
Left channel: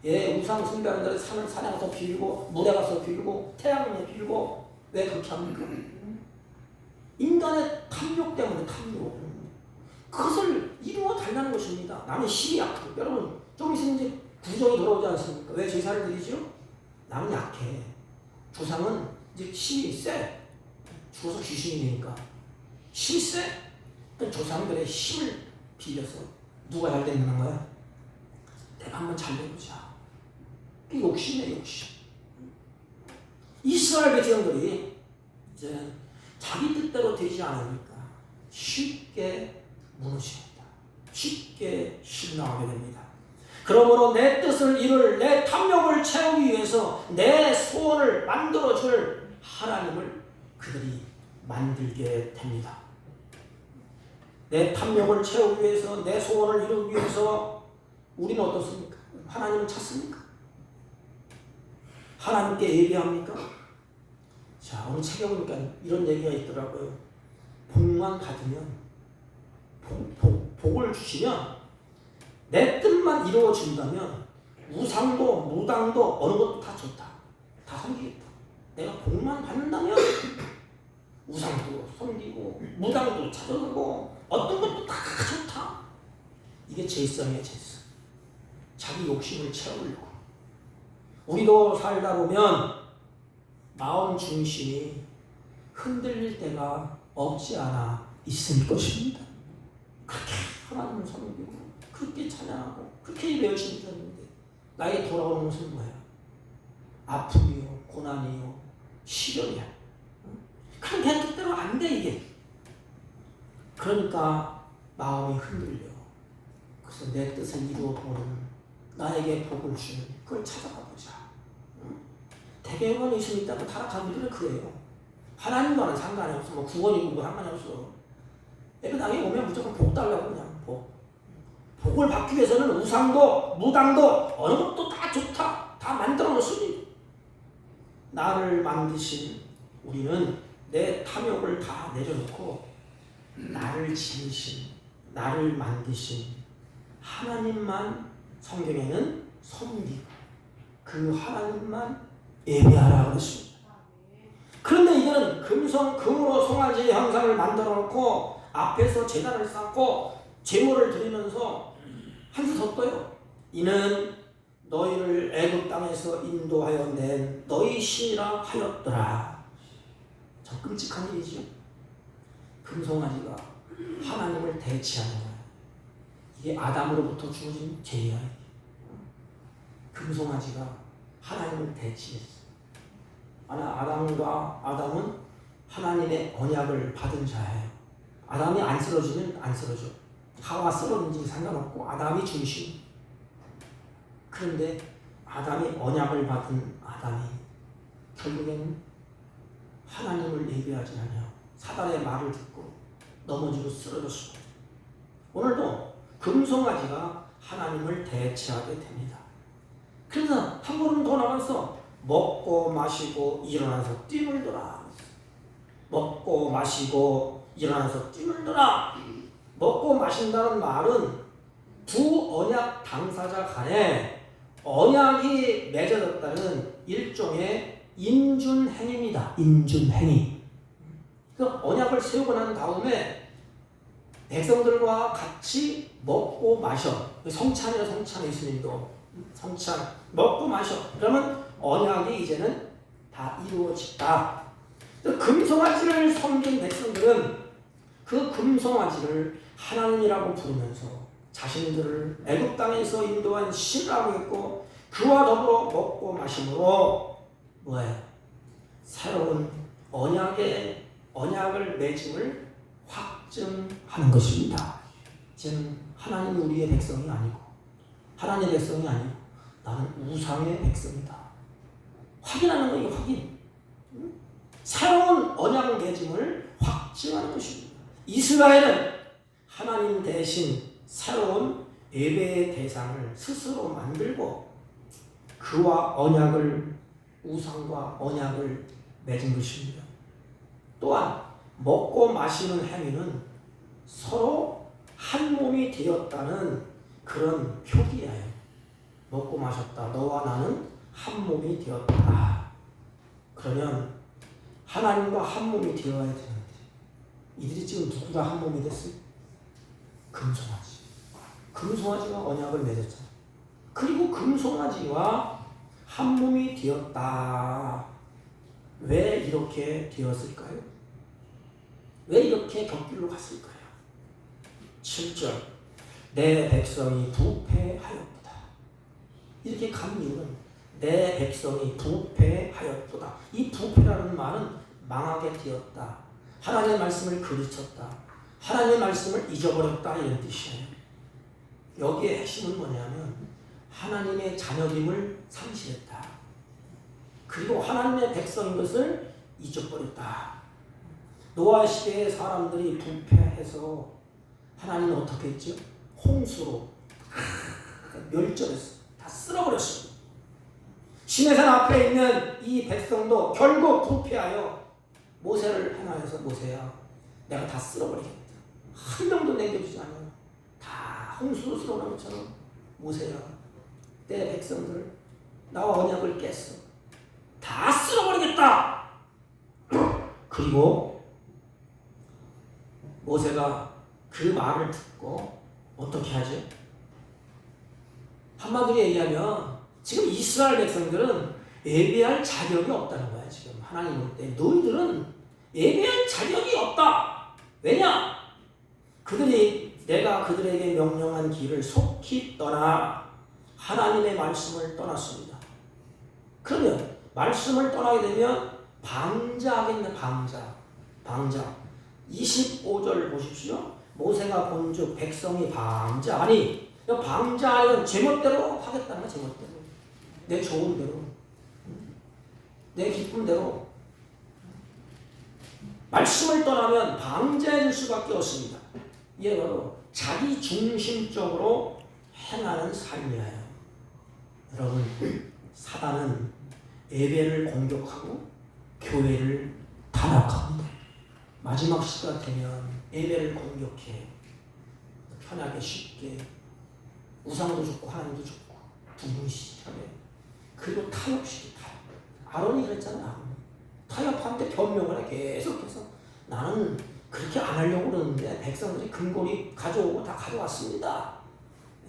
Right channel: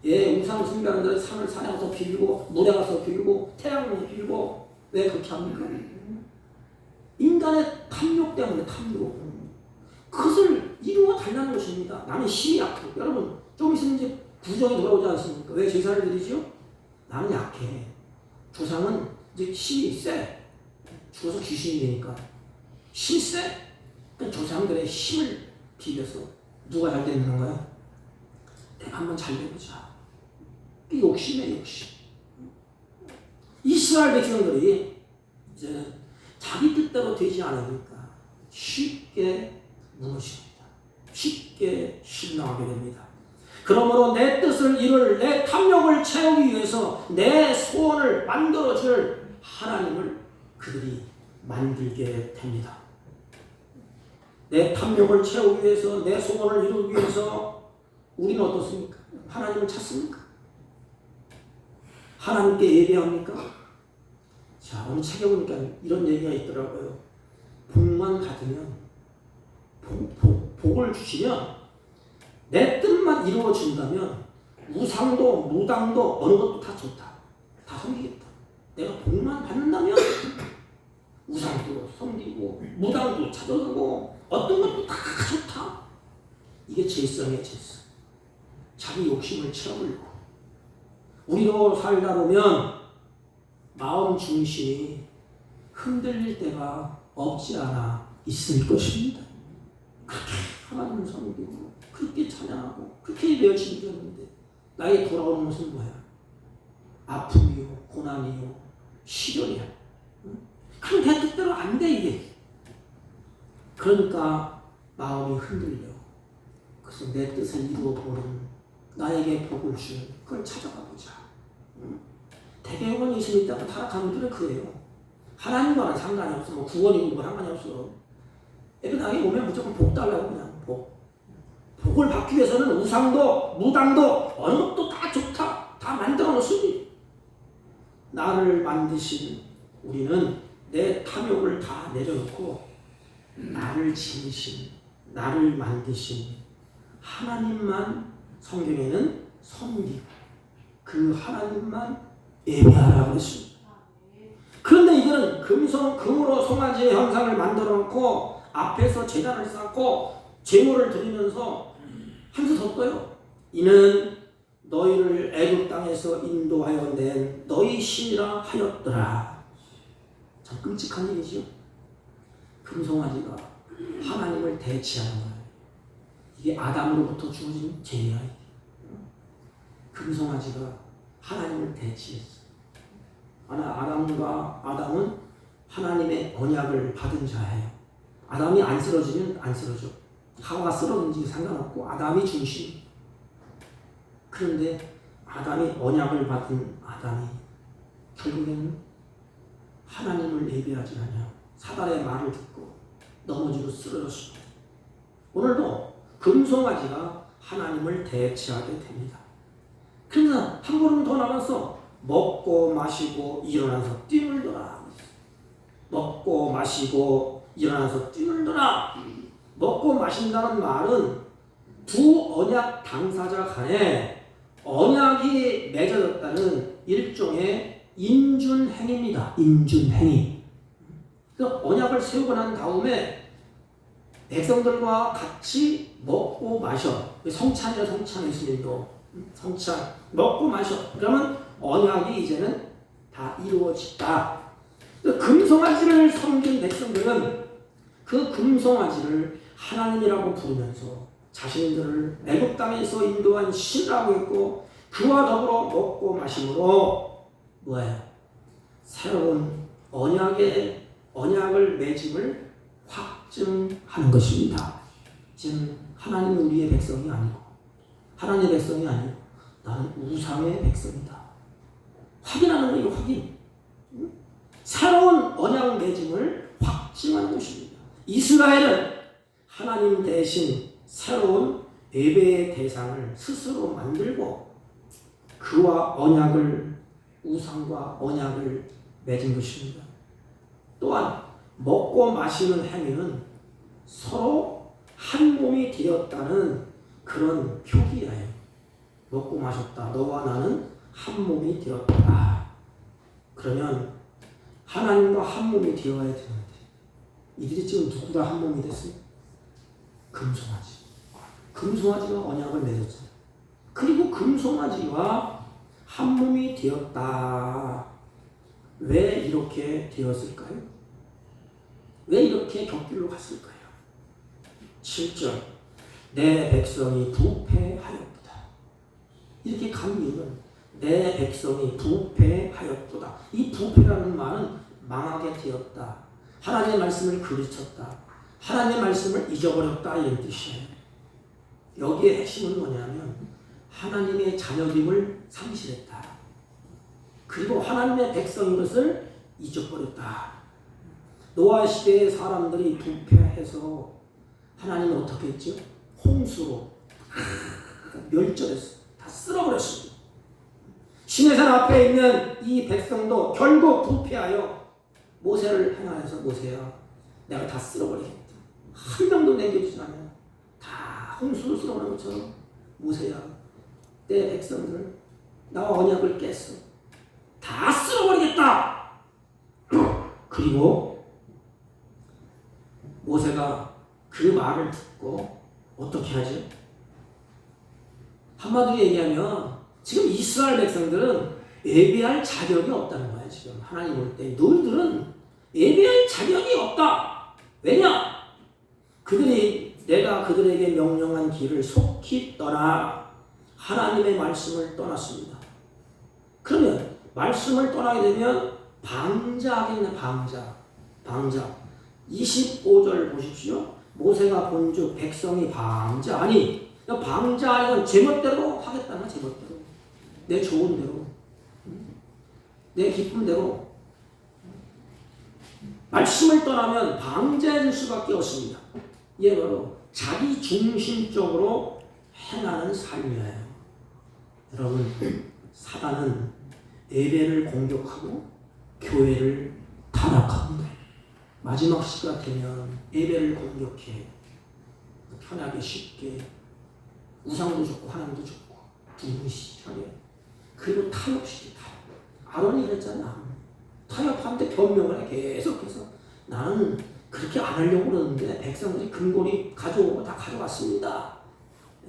예, 우상 숭배하는 자들 산을 산에 가서 빌고 물에 가서 빌고 태양에 빌고 왜 그렇게 합니까? 인간의 탐욕 때문에 탐욕. 그것을 이루어 달라는 것입니다. 나는 힘이 약해. 여러분 좀 있으면 이제 부정이 돌아오지 않습니까? 왜 제사를 드리죠? 나는 약해. 조상은 이제 힘이 세. 죽어서 귀신이 되니까 힘이 세. 조상들의 힘을 빌려서 누가 잘 되는 거야? 내가 한번 잘 되보자. 욕심이야 욕심. 이스라엘 백성들이 이제는 자기 뜻대로 되지 않으니까 쉽게 무너집니다. 쉽게 실망하게 됩니다. 그러므로 내 뜻을 이룰 내 탐욕을 채우기 위해서 내 소원을 만들어줄 하나님을 그들이 만들게 됩니다. 내 탐욕을 채우기 위해서 내 소원을 이루기 위해서 우리는 어떻습니까? 하나님을 찾습니까? 하나님께 예배합니까? 자, 오늘 책에 보니까 이런 얘기가 있더라고요. 복만 받으면 복을 주시면 내 뜻만 이루어진다면 우상도 무당도 어느 것도 다 좋다. 다 섬기겠다. 내가 복만 받는다면 우상도 섬기고 무당도 찾아가고 어떤 것도 다 좋다. 이게 죄성이야 죄성. 자기 욕심을 채우려고. 우리도 살다 보면 마음 중심이 흔들릴 때가 없지 않아 있을 것입니다. 그렇게 하나님을 섬기고 그렇게 찬양하고 그렇게 열심히 되었는데 나의 돌아오는 것은 뭐야? 아픔이요 고난이요 시련이야. 그럼 내 뜻대로 안 돼 이게. 그러니까 마음이 흔들려. 그래서 내 뜻을 이루어 보는 나에게 복을 주는 그걸 찾아가 보자. 대개는 예수님 있다가 타락하는 분들은 그래요. 하나님과는 상관이 없어. 뭐 구원이고 뭐 상관이 없어. 예배당에 오면 무조건 복 달라고 그냥 복. 복을 받기 위해서는 우상도 무당도 어느 것도 다 좋다. 다 만들어 놓으니 나를 만드신 우리는 내 탐욕을 다 내려놓고 나를 지으신 나를 만드신 하나님만 성경에는 섬기고 그 하나님만 예배하라 그랬습니다. 그런데 이들은 금으로 송아지의 형상을 만들어 놓고 앞에서 제단을 쌓고 제물을 드리면서 한수 더 떠요. 이는 너희를 애굽 땅에서 인도하여 낸 너희 신이라 하였더라. 참 끔찍한 일이지요. 금송아지가 하나님을 대치하는 거예요. 이게 아담으로부터 주어진 죄야. 금송아지가 하나님을 대치했어. 아담은 하나님의 언약을 받은 자예요. 아담이 안 쓰러지면 안 쓰러져. 하와 쓰러든지 상관없고 아담이 중심. 그런데 아담이 언약을 받은 아담이 결국에는 하나님을 예배하지 않냐. 사단의 말을 듣고 넘어지고 쓰러졌습니다. 오늘도 금송아지가 하나님을 대체하게 됩니다. 그래서 한 걸음 더 나가서 먹고 마시고 일어나서 뛰놀더라. 먹고 마시고 일어나서 뛰놀더라. 먹고 마신다는 말은 두 언약 당사자 간에 언약이 맺어졌다는 일종의 인준행위입니다. 인준행위. 그 언약을 세우고 난 다음에 백성들과 같이 먹고 마셔. 성찬이에요. 성찬. 예수님도 성찬 먹고 마셔. 그러면 언약이 이제는 다 이루어졌다. 금송아지를 섬긴 백성들은 그 금송아지를 하나님이라고 부르면서 자신들을 애굽 땅에서 인도한 신이라고 했고 그와 더불어 먹고 마심으로 뭐예요? 새로운 언약을 맺음을 확증하는 것입니다. 이제는 하나님은 우리의 백성이 아니고 하나님의 백성이 아니고 나는 우상의 백성이다. 확인하는 거예요. 확인. 새로운 언약 맺음을 확증하는 것입니다. 이스라엘은 하나님 대신 새로운 예배의 대상을 스스로 만들고 그와 우상과 언약을 맺은 것입니다. 또한 먹고 마시는 행위는 서로 한 몸이 되었다는 그런 표기예요. 먹고 마셨다. 너와 나는 한 몸이 되었다. 그러면 하나님과 한 몸이 되어야 되는데 이들이 지금 누구가 한 몸이 됐어요? 금송아지. 금송아지가 언약을 맺었잖아요. 그리고 금송아지와 한 몸이 되었다. 왜 이렇게 되었을까요? 왜 이렇게 격길로 갔을까요? 7절 내 백성이 부패하였다. 이렇게 간 이유는 내 백성이 부패하였도다. 이 부패라는 말은 망하게 되었다. 하나님의 말씀을 그르쳤다. 하나님의 말씀을 잊어버렸다. 이런 뜻이에요. 여기에 핵심은 뭐냐면 하나님의 자녀됨을 상실했다. 그리고 하나님의 백성인 것을 잊어버렸다. 노아 시대의 사람들이 부패해서 하나님은 어떻게 했죠? 홍수로 멸절했어. 다 쓸어버렸습니다. 시내산 앞에 있는 이 백성도 결국 부패하여 모세를 행하여서 모세야 내가 다 쓸어버리겠다. 한 명도 남겨주지 않아요. 다 홍수로 쓸어놓은 것처럼 모세야 내 백성들 나와 언약을 깼어. 다 쓸어버리겠다. 그리고 모세가 그 말을 듣고 어떻게 하죠? 한마디로 얘기하면 지금 이스라엘 백성들은 예배할 자격이 없다는 거야. 지금 하나님 볼 때 너희들은 예배할 자격이 없다. 왜냐? 내가 그들에게 명령한 길을 속히 떠나 하나님의 말씀을 떠났습니다. 그러면 말씀을 떠나게 되면 방자하겠네. 방자. 25절 보십시오. 모세가 본즉 백성이 방자하니, 방자하니 제멋대로 하겠다는 거야. 제멋대로, 내 좋은 대로, 내 기쁨대로. 말씀을 떠나면 방자해질 수밖에 없습니다. 이게 바로 자기 중심적으로 행하는 삶이에요. 여러분, 사단은 예배를 공격하고 교회를 타락합니다. 마지막 시가 되면 예배를 공격해. 편하게 쉽게 우상도 좋고 하나님도 좋고 두무시하게, 그리고 타협시키. 아론이 그랬잖아. 타협하는데 변명을 해. 계속해서 나는 그렇게 안 하려고 그러는데 백성들이 금고리 가져오고 다 가져왔습니다.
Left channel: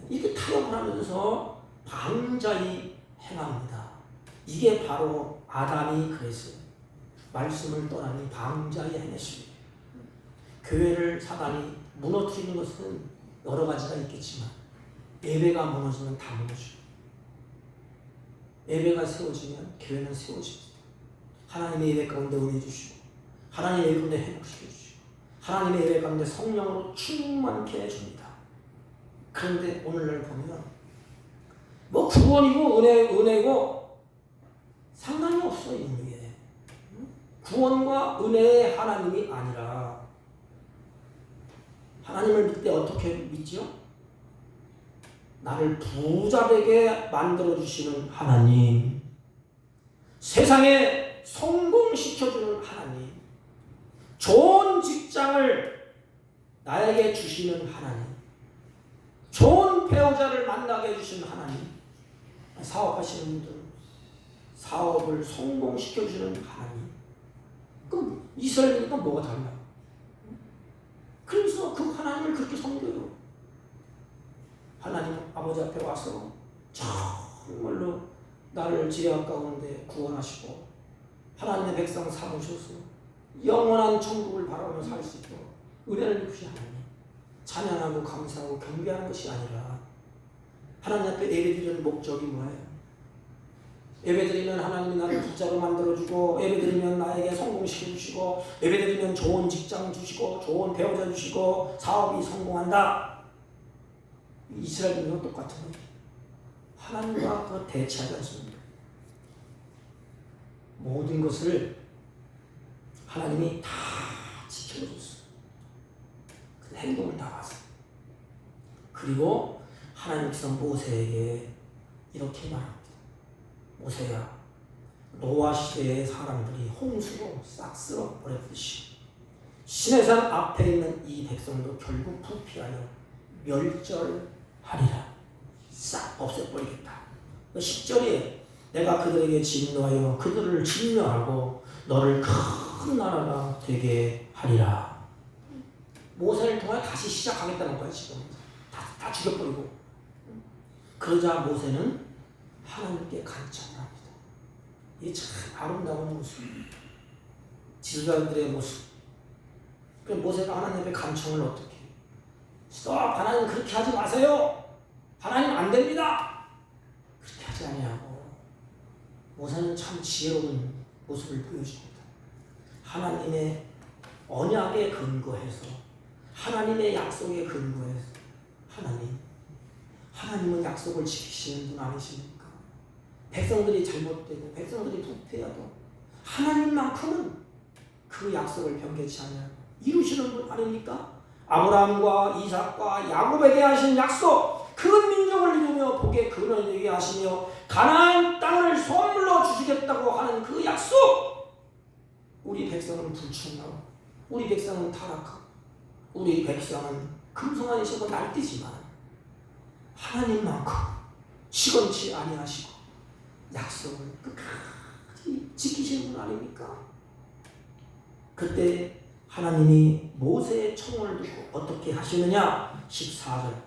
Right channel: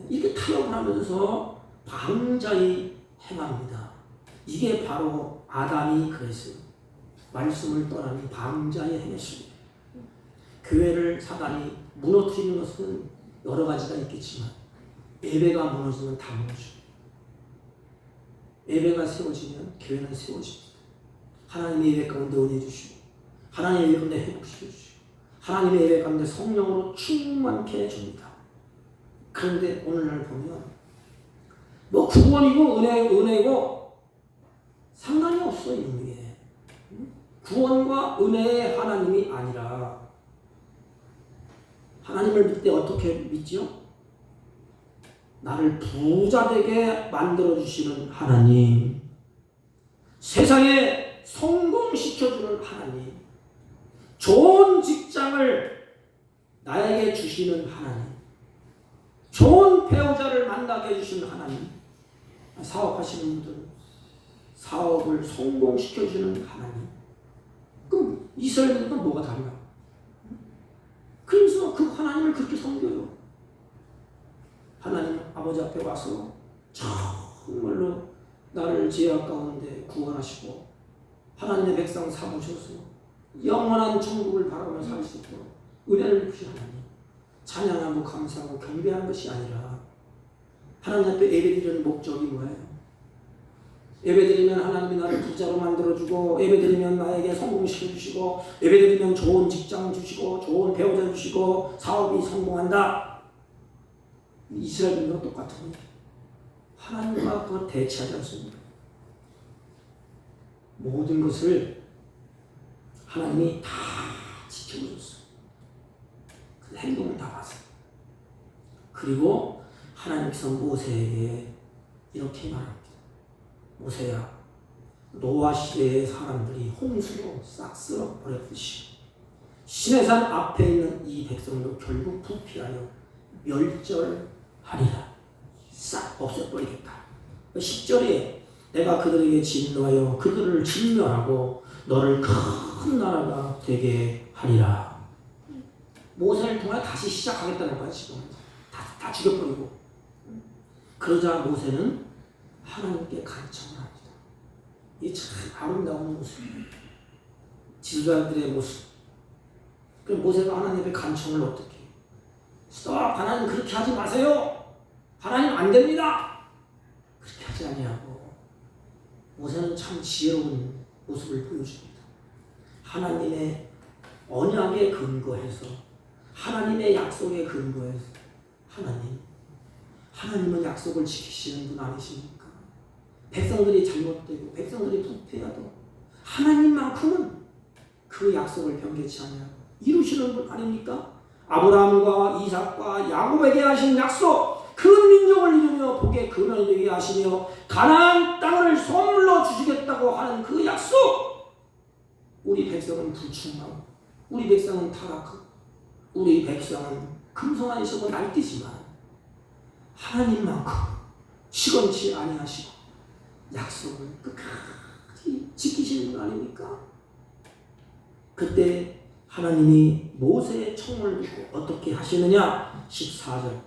이렇게 타협을 하면서 방자히 행합니다. 이게 바로 아담이 그랬어요. 말씀을 떠나니 방자히 행했습니다. 교회를 사단이 무너뜨리는 것은 여러 가지가 있겠지만 예배가 무너지면 다 무너지고, 예배가 세워지면 교회는 세워집니다. 하나님의 예배 가운데 은혜 주시고, 하나님의 예배 가운데 회복시켜 주시고, 하나님의 예배 가운데 성령으로 충만케 해줍니다. 그런데 오늘날 보면 뭐 구원이고 은혜고 상관이 없어. 이게 구원과 은혜의 하나님이 아니라, 하나님을 믿을 때 어떻게 믿지요? 나를 부자되게 만들어주시는 하나님, 세상에 성공시켜주는 하나님, 좋은 직장을 나에게 주시는 하나님, 좋은 배우자를 만나게 해주시는 하나님, 사업하시는 분들 사업을 성공시켜주는 하나님. 그럼 이스라엘과 뭐가 다르냐? 그래서 그 하나님을 그렇게 섬겨요. 하나님 아버지 앞에 와서 정말로 나를 죄악 가운데 구원하시고 하나님의 백성 삼으셔서 영원한 천국을 바라보며 살 수 있도록 은혜를 주신 하나님, 찬양하고 감사하고 경배하는 것이 아니라 하나님 앞에 예배드리는 목적이 뭐예요? 예배드리면 하나님이 나를 부자로 만들어주고, 예배드리면 나에게 성공시켜주시고, 예배드리면 좋은 직장 주시고, 좋은 배우자 주시고, 사업이 성공한다. 이스라엘과 똑같은 일이에요. 하나님과 그거 대치하지 않습니다. 모든 것을 하나님이 다 지켜줬어요. 그 행동을 다 봤어요. 그리고 하나님께서 모세에게 이렇게 말합니다. 모세야, 노아 시대의 사람들이 홍수로 싹 쓸어 버렸듯이 시내산 앞에 있는 이 백성도 결국 부패하여 멸절하리라. 싹 없애버리겠다. 10절에 내가 그들에게 진노하여 그들을 진멸하고 너를 큰 나라가 되게 하리라. 모세를 통해 다시 시작하겠다는 거야. 지금 다 죽여버리고. 그러자 모세는 하나님께 간청을 합니다. 이게 참 아름다운 모습, 지도자들의 모습. 그럼 모세가 하나님 앞에 간청을 어떻게 해요? 스톱! 하나님 그렇게 하지 마세요. 하나님 안 됩니다. 그렇게 하지 아니하고 모세는 참 지혜로운 모습을 보여줍니다. 하나님의 언약에 근거해서, 하나님의 약속에 근거해서, 하나님은 약속을 지키시는 분 아니십니까? 백성들이 잘못되고 백성들이 부패해도 하나님만큼은 그 약속을 변개치 않냐고 이루시는 분 아닙니까? 아브라함과 이삭과 야곱에게 하신 약속, 그 민족을 이루며 복의 근원이 되게 하시며 가나안 땅을 선물로 주시겠다고 하는 그 약속, 우리 백성은 불충하고 우리 백성은 타락하고 우리 백성은 금송아지시고 날뛰지만 하나님만큼 시건치 아니하시고 약속을 끝까지 지키시는 분 아닙니까? 그때 하나님이 모세의 청을 듣고 어떻게 하시느냐? 14절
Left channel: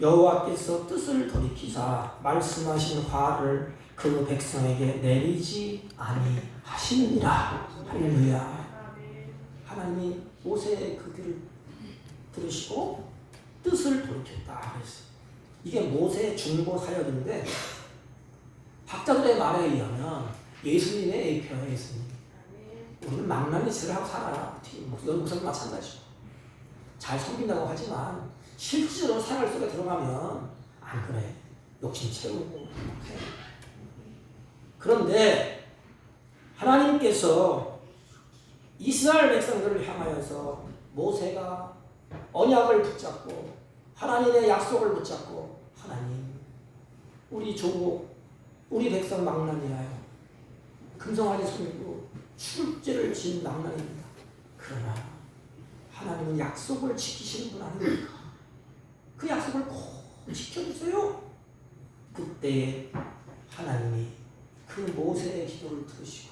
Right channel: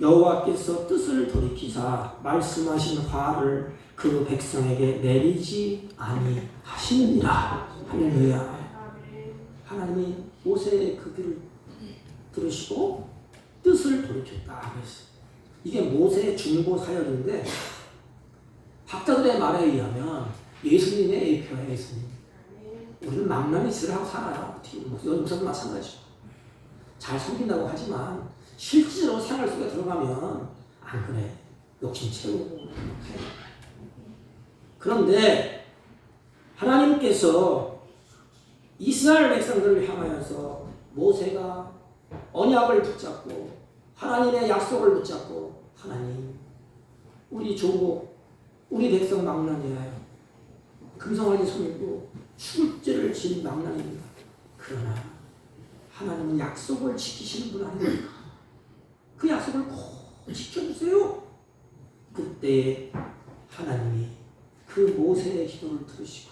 여호와께서 뜻을 돌이키사 말씀하신 화를 그 백성에게 내리지 아니하시느니라. 할렐루야. 하나님이 모세의 그 길을 들으시고 뜻을 돌이켰다 그랬어요. 이게 모세의 중보 사역인데 학자들의 말에 의하면 예수님의 예표예요. 예수님. 우리는 망나니 짓을 하고 살아요. 이건 우선 마찬가지죠. 잘 섬긴다고 하지만 실제로 생활 속에 들어가면 안 그래. 욕심 채우고 해. 그런데 하나님께서 이스라엘 백성들을 향하여서 모세가 언약을 붙잡고 하나님의 약속을 붙잡고 하나님 우리 조국 우리 백성 망나니라요. 금송아지 손이고 출제를 진 망나니입니다. 그러나 하나님은 약속을 지키시는 분 아닙니까? 그 약속을 꼭 지켜주세요. 그때 하나님이 그 모세의 기도를 들으시고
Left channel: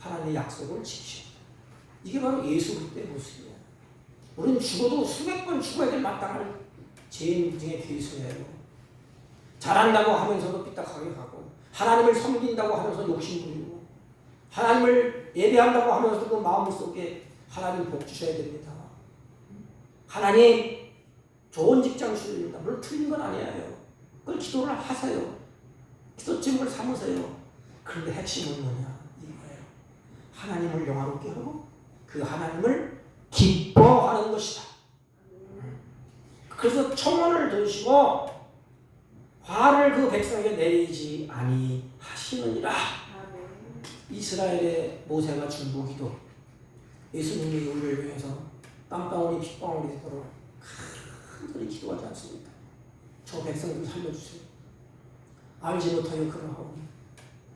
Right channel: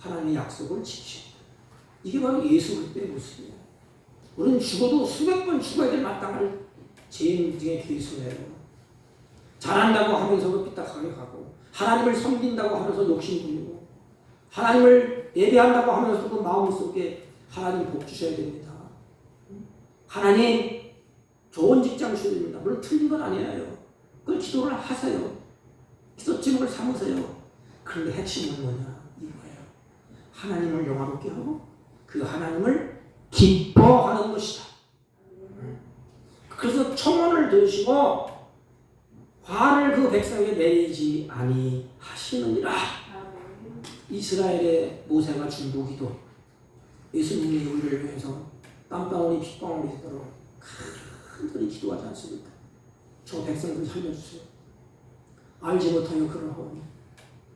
하나님의 약속을 지키십니다. 이게 바로 예수 그리스도의 모습이에요. 우리는 죽어도 수백 번 죽어야 될 마땅한 죄인 중에 괴수예요. 잘한다고 하면서도 삐딱하게 가고 하나님을 섬긴다고 하면서 욕심 부리고 하나님을 예배한다고 하면서도 그 마음속에 하나님 복 주셔야 됩니다. 하나님 좋은 직장 주셔야 됩니다. 물론 틀린 건 아니에요. 그걸 기도를 하세요. 기도 제목을 삼으세요. 그런데 핵심은 뭐냐? 이거예요. 하나님을 영화롭게 하고 그 하나님을 기뻐하는 것이다. 그래서 청혼을 들으시고 화를 그 백성에게 내리지 아니하시느니라. 이스라엘의 모세가 중보기도 예수님이 우리를 위해서 땀방울이 핏방울이 되도록 간절히 기도하지 않습니까? 저 백성들 살려주세요. 알지 못하여 그러하오니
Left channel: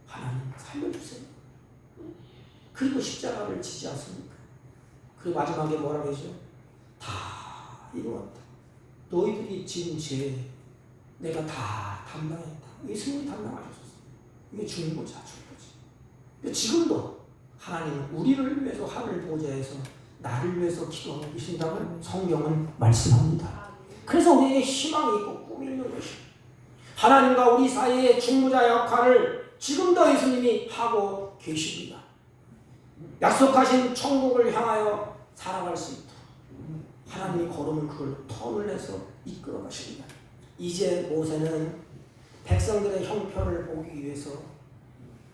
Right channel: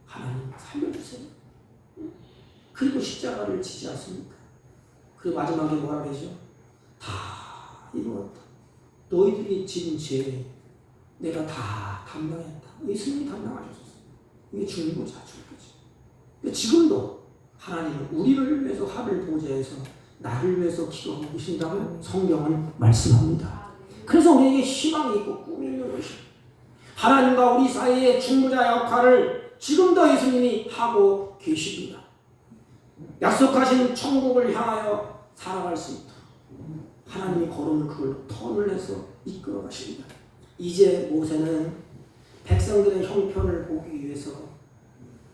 하나님 살려주세요. 그리고 십자가를 지지 않습니까? 그리고 마지막에 뭐라 그러죠? 다 이루었다. 너희들이 지은 죄 내가 다 담당했다. 예수님이 담당하셨어. 이게 중보자 중보지. 지금도 하나님은 우리를 위해서 하늘 보좌에서 나를 위해서 기도하고 계신다고 성경은 말씀합니다. 그래서 우리에게 희망이 있고 꿈이 있는 것입니다. 하나님과 우리 사이의 중보자 역할을 지금도 예수님이 하고 계십니다. 약속하신 천국을 향하여 살아갈 수 있도록 하나님이 걸은 그걸 턴을 해서 이끌어 가십니다. 이제 모세는 백성들의 형편을 보기 위해서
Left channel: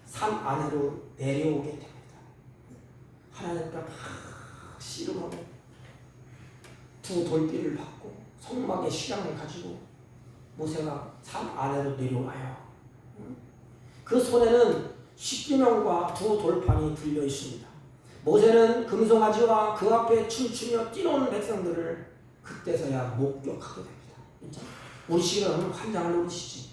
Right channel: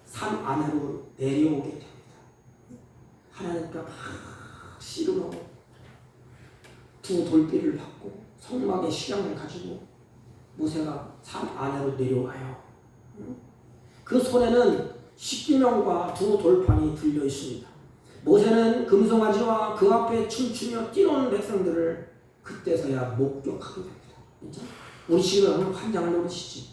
산 안으로 내려오게 됩니다. 하나님께 막 씨름하고 두 돌비를 받고 성막의 시장을 가지고 모세가 산 안으로 내려와요. 그 손에는 십계명과 두 돌판이 들려 있습니다. 모세는 금송아지와 그 앞에 춤추며 뛰노는 백성들을 그때서야 목격하게 됩니다. 우리 지금 환장을 노리시지.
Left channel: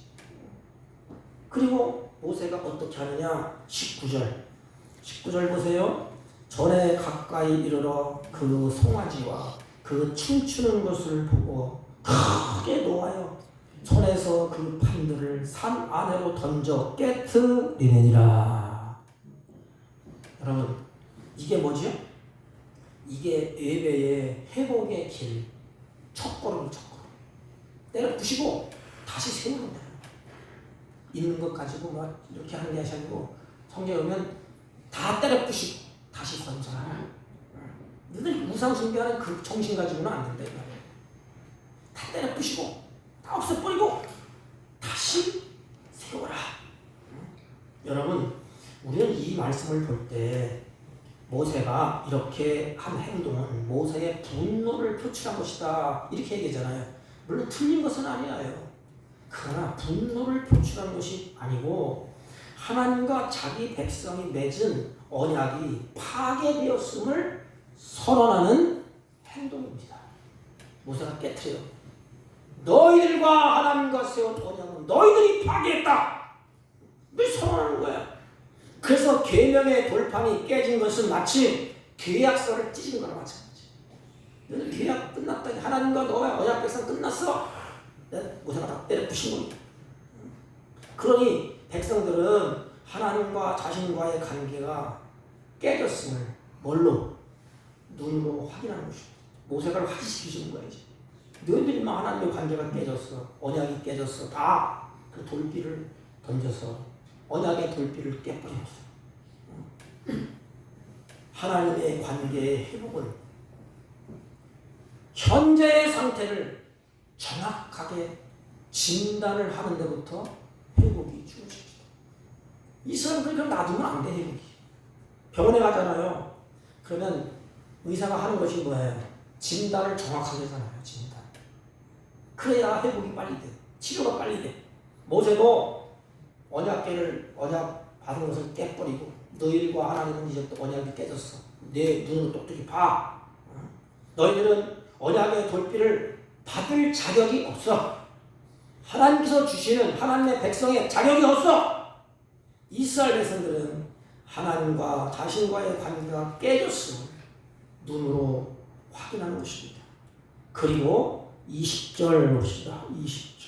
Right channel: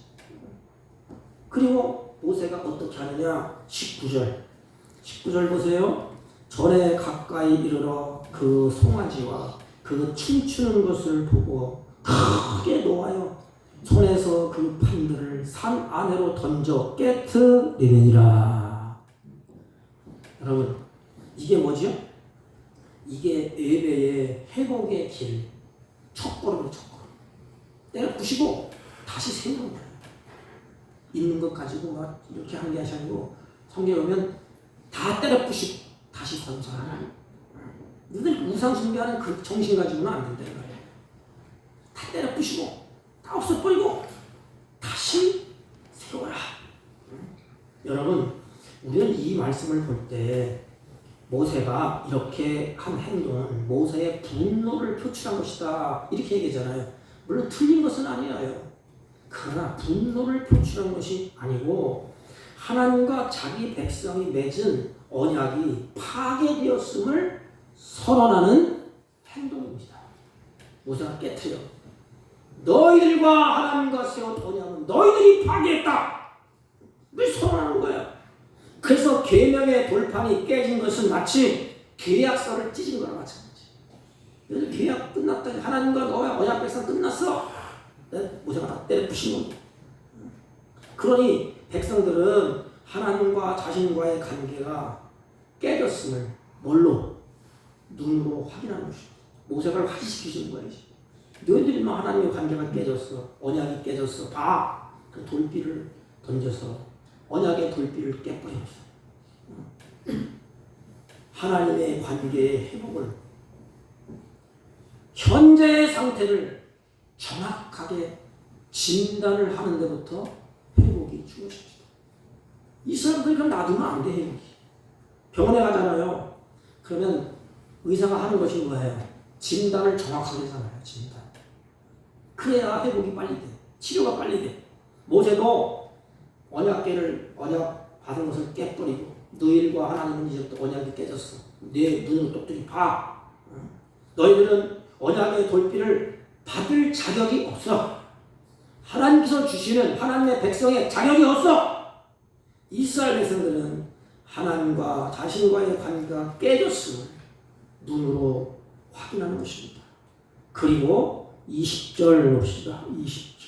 그리고 모세가 어떻게 하느냐? 19절 보세요. 절에 가까이 이르러 그 송아지와 그 춤추는 것을 보고 크게 노하여 손에서 그 판들을 산 안으로 던져 깨트리느니라. 여러분 이게 뭐죠? 이게 예배의 회복의 길, 첫걸음. 때려 부시고 다시 세우는 거예요. 있는 것 가지고 막 이렇게 하는 게 아니고 성경에 보면 다 때려 부시고 다시 건설하는. 너희들 우상 숭배하는 그 정신 가지고는 안 된다 이거예요. 다 때려 부시고 다 없애버리고 다시 세워라. 여러분 우리는 이 말씀을 볼 때 모세가 이렇게 한 행동은 모세의 분노를 표출한 것이다 이렇게 얘기하잖아요. 물론 틀린 것은 아니에요. 그러나 분노를 표출한 것이 아니고 하나님과 자기 백성이 맺은 언약이 파괴되었음을 선언하는 행동입니다. 모세가 깨트려 너희들과 하나님과 세운 언약은 너희들이 파괴했다. 왜 선언하는 거야? 그래서 계명의 돌판이 깨진 것은 마치 계약서를 찢은 거랑 마찬가지. 계약 끝났다. 하나님과 너의 언약 백성 끝났어. 모세가 다 때려 부신 겁니다. 그러니 백성들은 하나님과 자신과의 관계가 깨졌음을 뭘로? 눈으로 확인하는 것입니다. 모세가 확인시키시는 거예요. 너희들만 하나님의 관계가 깨졌어. 언약이 깨졌어. 다 그 돌비를 던져서 언약의 돌비를 깨버립니다. 하나님의 관계의 회복은 현재의 상태를 정확하게 진단을 하는 데부터 회복이 중요합니다. 이 사람들 좀 놔두면 안 돼. 회복이. 병원에 가잖아요. 그러면 의사가 하는 것이 뭐예요? 진단을 정확하게 하잖아요. 진단. 그래야 회복이 빨리 돼. 치료가 빨리 돼. 모세도 언약 받은 것을 깨버리고 너희들과 하나님은 이제 또 언약이 깨졌어. 내 눈으로 똑똑히 봐. 너희들은 언약의 돌비를 받을 자격이 없어. 하나님께서 주시는 하나님의 백성의 자격이 없어. 이스라엘 백성들은 하나님과 자신과의 관계가 깨졌음을 눈으로 확인하는 것입니다. 그리고 20절 봅시다. 20절.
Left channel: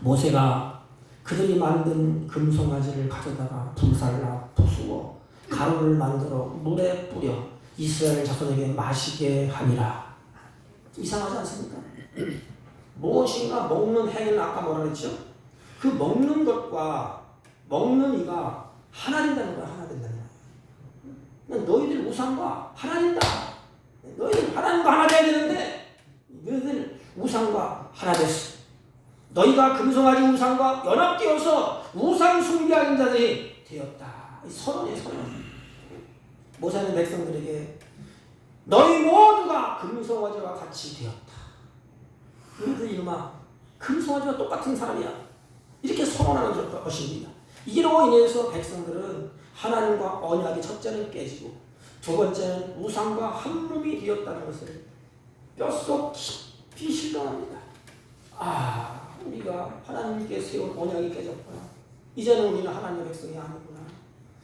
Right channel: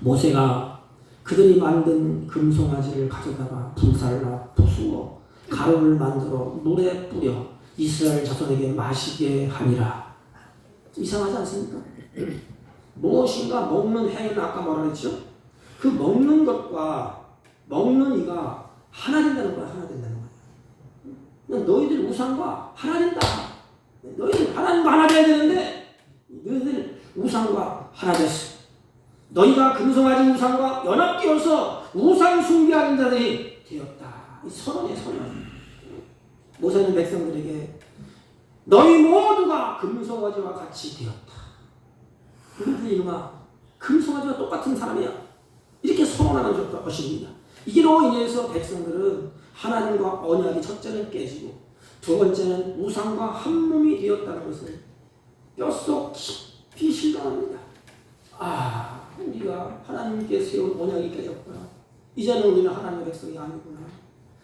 모세가 그들이 만든 금송아지를 가져다가 불살라 부수어 가루를 만들어 물에 뿌려 이스라엘 자손에게 마시게 하니라. 이상하지 않습니까? 무엇인가 먹는 행위는 아까 뭐라 그랬죠? 그 먹는 것과 먹는 이가 하나 된다는 거야. 하나 된다는 거야. 너희들 우상과 하나 된다. 너희들 하나님과 하나 돼야 되는데 너희들 우상과 하나 됐어. 너희가 금송아지 우상과 연합되어서 우상 숭배하는 자들이 되었다. 이 선언이에요. 선언. 모세는 백성들에게 너희 모두가 금송아지와 같이 되었다. 그들이 이놈아 금송아지와 똑같은 사람이야. 이렇게 선언하는 것입니다. 이로 인해서 백성들은 하나님과 언약이 첫째는 깨지고 두 번째는 우상과 한 몸이 되었다는 것을 뼛속 깊이 실감합니다. 우리가 하나님께 세운 언약이 깨졌구나. 이제는 우리는 하나님의 백성이 아니구나.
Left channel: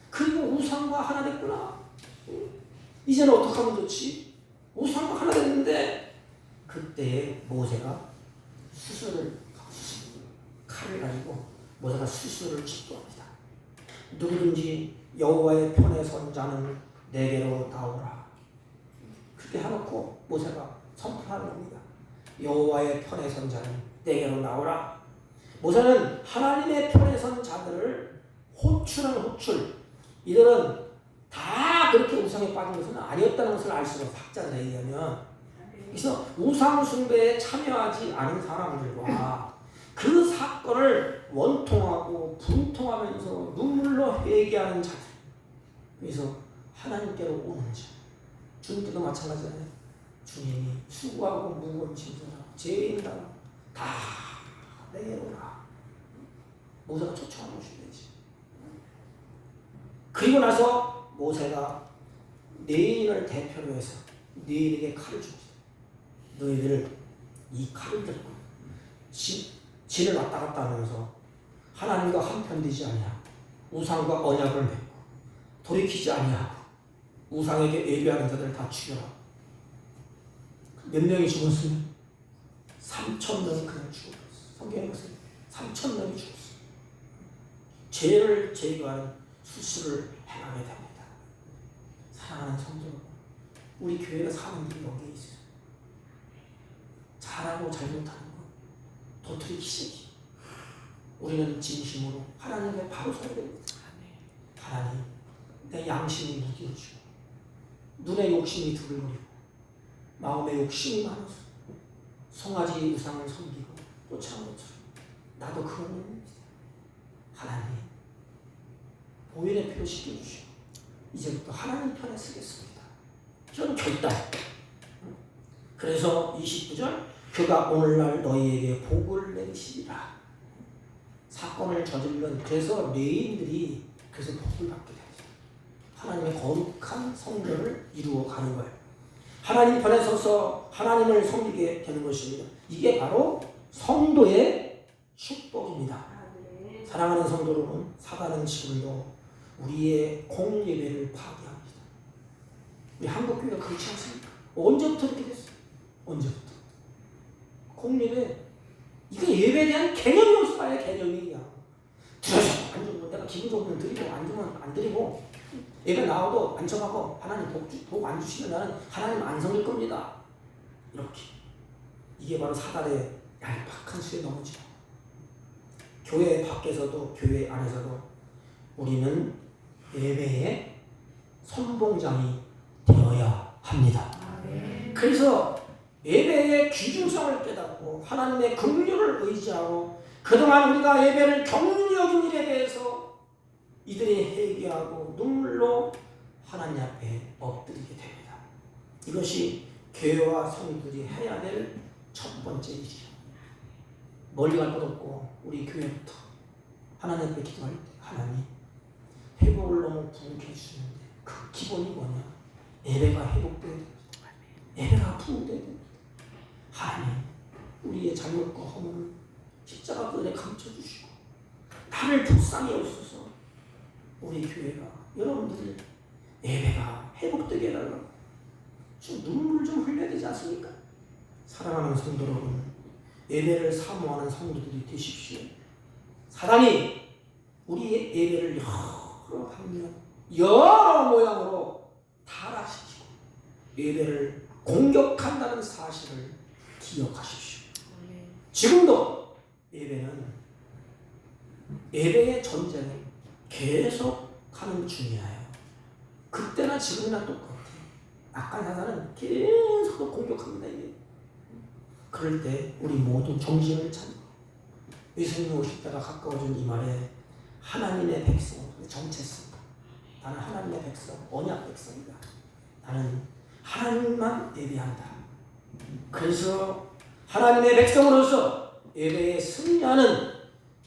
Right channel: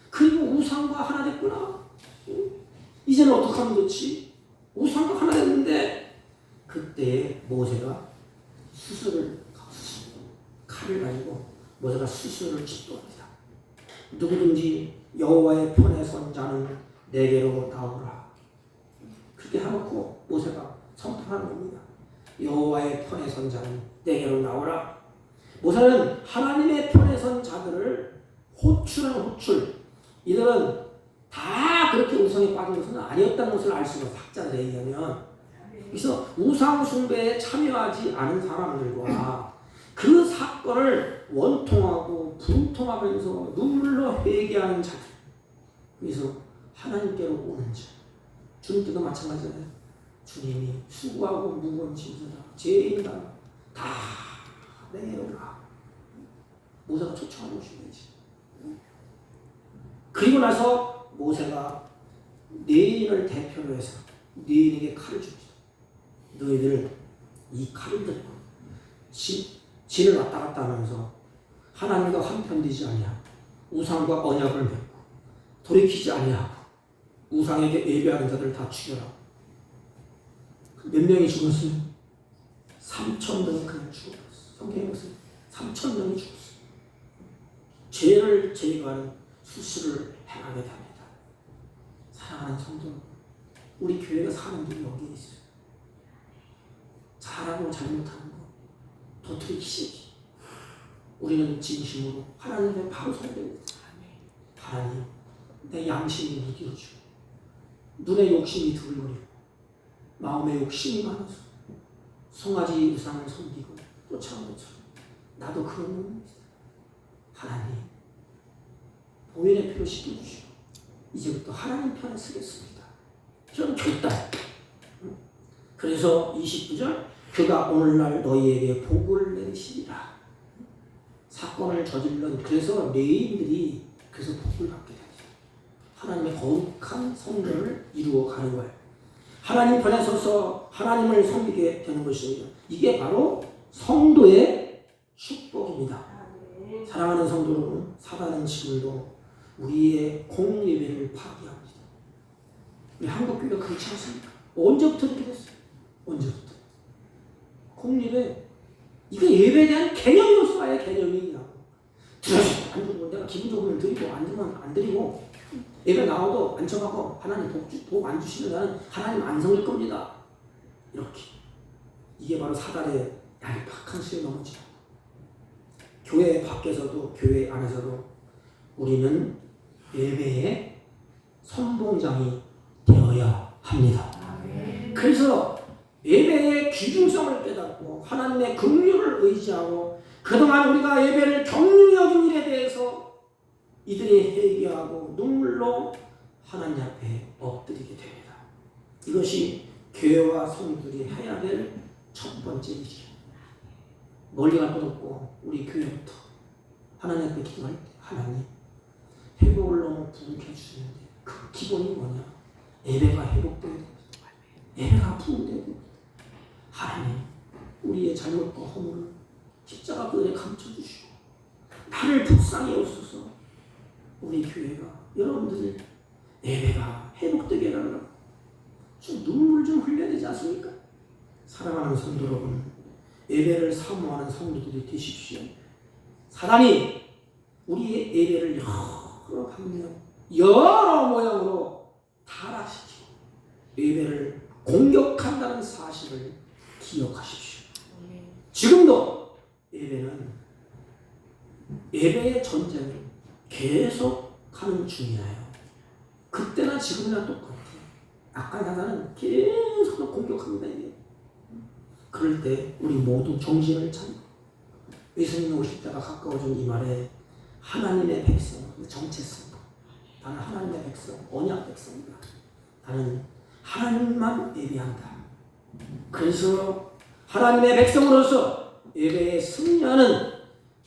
그리고 우상과 하나 됐구나. 이제는 어떻게 하면 좋지? 우상과 하나 됐는데 그때 모세가 칼을 가지고 모세가 수술을 집도합니다. 누구든지 여호와의 편에 선 자는 내게로 나오라. 그렇게 해놓고 모세가 선포하는 겁니다. 여호와의 편에 선 자는 내게로 나오라. 모세는 하나님의 편에 선 자들을 호출하는 호출. 이들은 다 그렇게 우상에 빠진 것은 아니었다는 것을 알 수가 있어요. 학자들에 의하면. 그래서 우상 숭배에 참여하지 않은 사람들과 그 사건을 원통하고 분통하면서 눈물로 회개하는 자들. 그래서 하나님께로 오는 자. 주님께도 마찬가지잖아요. 주님이 수고하고 무거운 짐져라. 죄인이다. 다 내게로 와. 모세가 쫓아오는 것이지. 그리고 나서 모세가 내인을 대표로 해서 내인에게 칼을 줍니다. 너희들 이 칼을 들고 진을 왔다 갔다 하면서 하나님과 한편되지 아니하고 우상과 언약을 맺고 돌이키지 아니하고 우상에게 예배하는 자들을 다 죽여라. 몇 명이 죽었어요? 3,000명이 그냥 죽었어요. 성경에 보세요. 3,000명이 죽었어요. 죄를 제거하는 수술을 행하게 됩니다. 사랑하는 성도, 우리 교회가 사는 길이 여기에 있어요. 잘하고 잘못하는 거 도토리키시기. 우리는 진심으로 하나님의 바로 선배입니다. 하나님, 내 양심이 무뎌지고 눈에 욕심이 두근거리고 마음에 욕심이 많아서 송아지 우상을 섬기고 쫓아온 것처럼 나도 그런 놈입니다. 하나님, 보혈의 피로 씻겨주시고 이제부터 하나님 편에 서겠습니다. 이런 결단. 그래서 29절 그가 오늘날 너희에게 복을 내리시리라. 사건을 저질른 그래서 레인들이 그래서 복을 받게 됩니다. 하나님의 거룩한 성전을 이루어가는 거예요. 하나님 편에 서서 하나님을 섬기게 되는 것입니다. 이게 바로 성도의 축복입니다. 사랑하는 성도 여러분, 사단은 지금도 우리의 공예배를 파괴합니다. 우리 한국교회가 그렇지 않습니까? 언제부터 그렇게 됐어요? 언제부터? 공예배, 이거 예배에 대한 개념이 없어. 아예 개념이 안 주고 내가 기분 좋으면 드리고 안 주면 안 드리고 예배 나오도 안 청하고 하나님 복 안 주시면 나는 하나님 안 섬길 겁니다. 이렇게. 이게 바로 사단의 얄팍한 수에 넘어지고 교회 밖에서도 교회 안에서도 우리는 예배의 선봉장이 되어야 합니다. 그래서 예배의 귀중성을 깨닫고 하나님의 긍휼을 의지하고 그동안 우리가 예배를 경륜히 여긴 일에 대해서 이들이 회개하고 눈물로 하나님 앞에 엎드리게 됩니다. 이것이 교회와 성도들이 해야 될 첫 번째 일이에요. 멀리 갈 것 없고 우리 교회부터 하나님 앞에 기도할 때 하나님 회복을 너무 부족해 주시는데 그 기본이 뭐냐? 예배가 회복돼야 됩니다. 예배가 부흥돼야 됩니다. 하나님 우리의 잘못과 허물을 십자가 그늘에 감춰주시고 나를 불쌍히 여기소서. 우리 교회가 여러분들이 예배가 회복되게 해달라고 좀 눈물 좀 흘려야 되지 않습니까? 사랑하는 성도 여러분, 예배를 사모하는 성도들이 되십시오. 사단이 우리의 예배를 여러 방면 여러 모양으로 타락시키고 예배를 공격한다는 사실을 기억하십시오. 지금도 예배의 전쟁을 계속하는 중이에요. 그때나 지금이나 똑같아요. 아까 사단은 계속 공격합니다. 이게. 그럴 때 우리 모두 정신을 차리고 예수님이 오실 때가 가까워진 이 말에 하나님의 백성, 정체성. 나는 하나님의 백성, 언약 백성이다. 나는 하나님만 예배한다. 그래서 하나님의 백성으로서 예배에 승리하는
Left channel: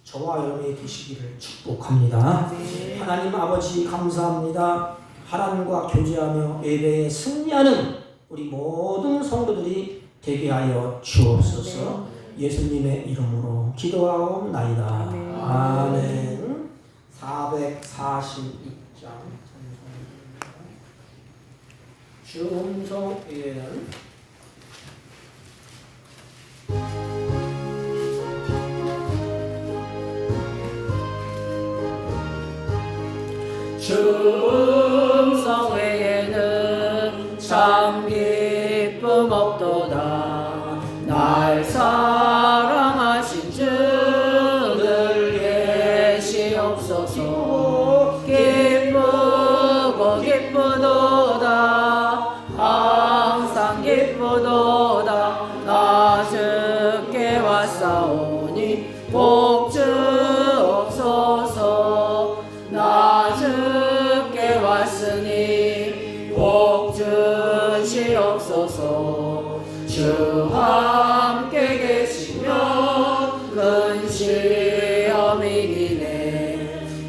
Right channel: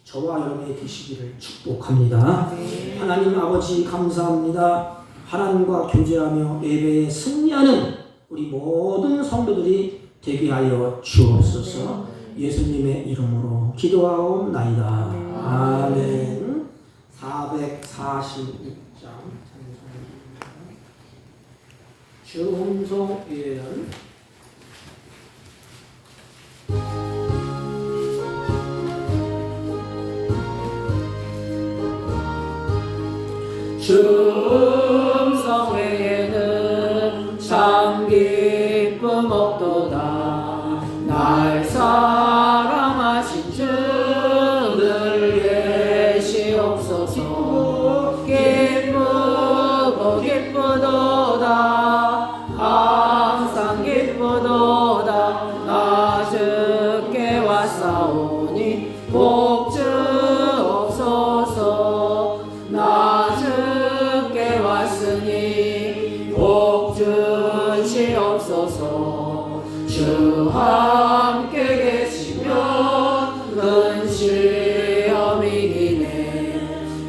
저와 여러분이 되시기를 축복합니다. 하나님 아버지 감사합니다. 하나님과 교제하며 예배에 승리하는 우리 모든 성도들이 되게 하여 주옵소서. 예수님의 이름으로 기도하옵나이다. 아멘. 446장 주음성 예언. 주음성 외에는 참 기쁨 없도다. 날 사랑하신 주 늘 계시옵소서. 기쁘고 기쁘도다. 항상 기쁘도다. 나 주께 왔사오니 복 주옵소서. 나 주께 왔으니 복 주시옵소서. 주 함께 계시면 큰 시험이 이기네.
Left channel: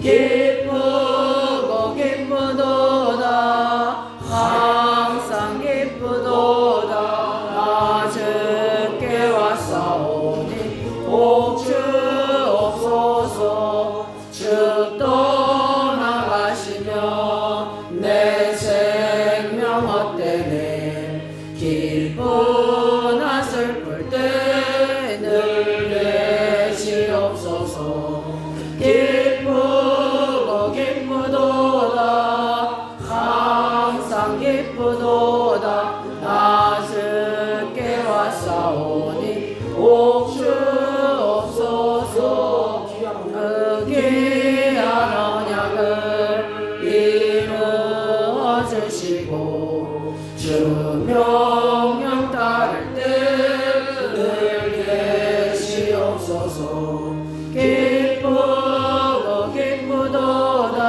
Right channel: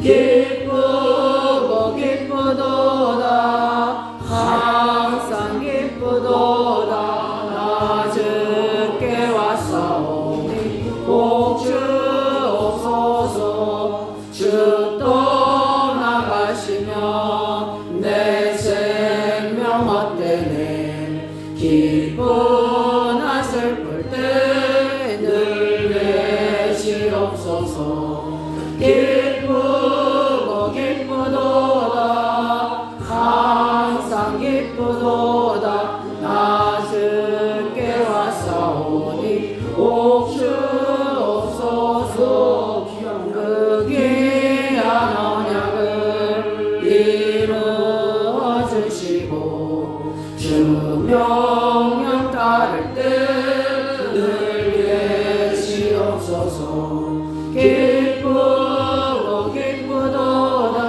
기쁘고 기쁘도다. 항상 기쁘도다. 나 주께 왔사오니 복 주옵소서. 주 떠나가시면 내 생명 헛되네. 기쁘나 슬플 때 늘 계시옵소서. 기쁘고 기쁘도다. 항상 기쁘도다. 나 주께 왔사오니 복 주옵소서. 그 귀한 언약을 이루어 주시고 주 명령 따를 때 늘 계시옵소서. 기쁘고 기쁘도다.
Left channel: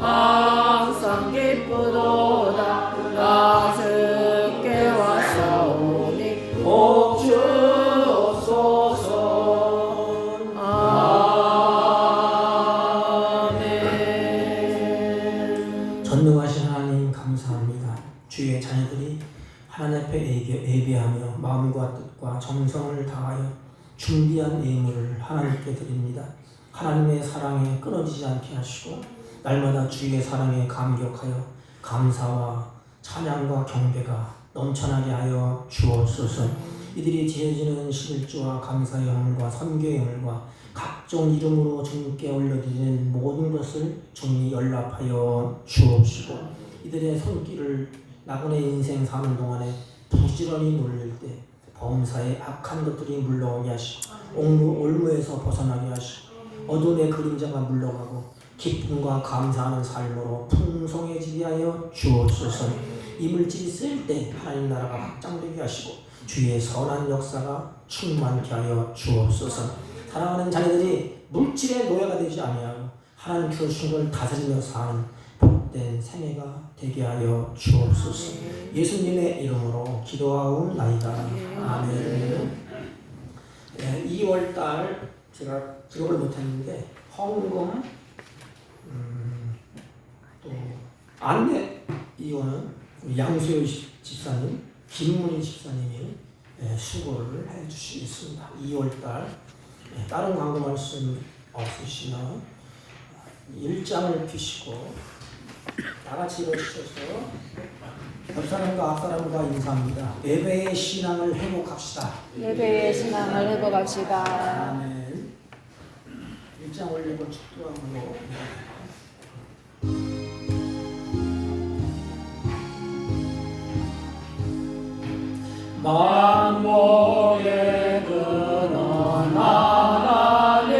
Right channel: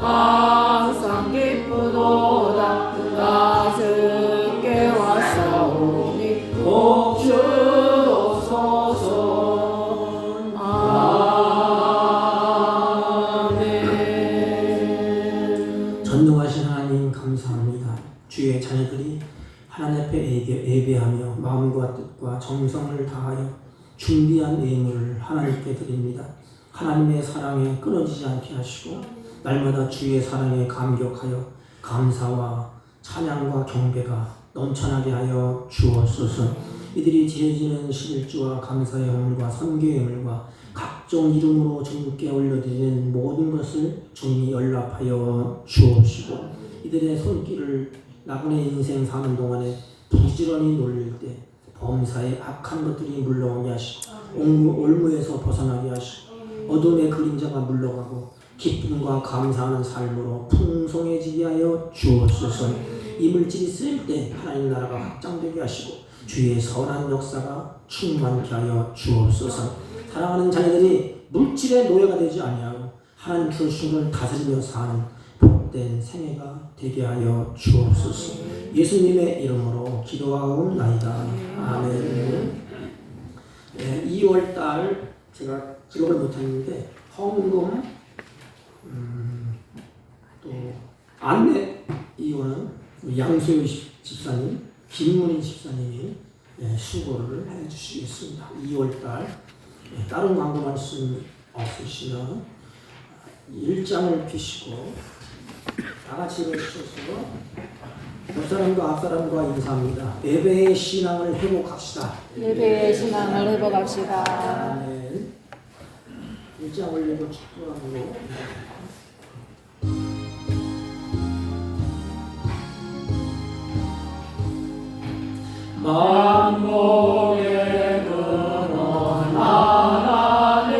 항상 기쁘도다. 나 주께 왔사오니 복 주옵소서. 아멘. 전능하신 하나님 감사합니다. 주의 자녀들이 하나님 앞에 예배하며 마음과 뜻과 정성을 다하여 준비한 예물을 하나님께 드립니다. 하나님의 사랑에 끊어지지 않게 하시고 날마다 주의 사랑에 감격하여 감사와 찬양과 경배가 넘쳐나게 하여 주옵소서. 이들이 드려지는 11조와 감사의 예물과 선교의 예물과 각종 이름으로 주님께 올려드리는 모든 것을 주님이 연락하여 주옵시고 이들의 손길을 나그네 인생 사는 동안에 부지런히 놀릴 때 범사의 악한 것들이 물러오게 하시고 올무에서 벗어나게 하시고 어둠의 그림자가 물러가고 기쁨과 감사하는 삶으로 풍성해지게 하여 주옵소서. 이 물질이 쓰일 때 하나님 나라가 확장되게 하시고 주의 선한 역사가 충만케 하여 주옵소서. 사랑하는 자녀들이 물질의 노예가 되지 아니하고 하나님께서 주신 걸 다스리며 사는 복된 복된 생애가 되게 하여 주옵소서. 예수님의 이름으로 기도하옵나이다. 아멘. 네, 2월달 제가 기록을 못했는데 헌금 또 안내 이거는 양소유 집사님, 김문희 집사님이 수고를 해주시겠습니다. 2월달 다른 광고 말씀 없으시면 1장을 피시고 다 같이 일어서셔서 옆사람과 앞사람과 인사합니다. 예배의 신앙을 회복합시다. 예배의 신앙을 회복합시다. 아멘. 1장을 읽고 축도하고 만복의 근원 하나님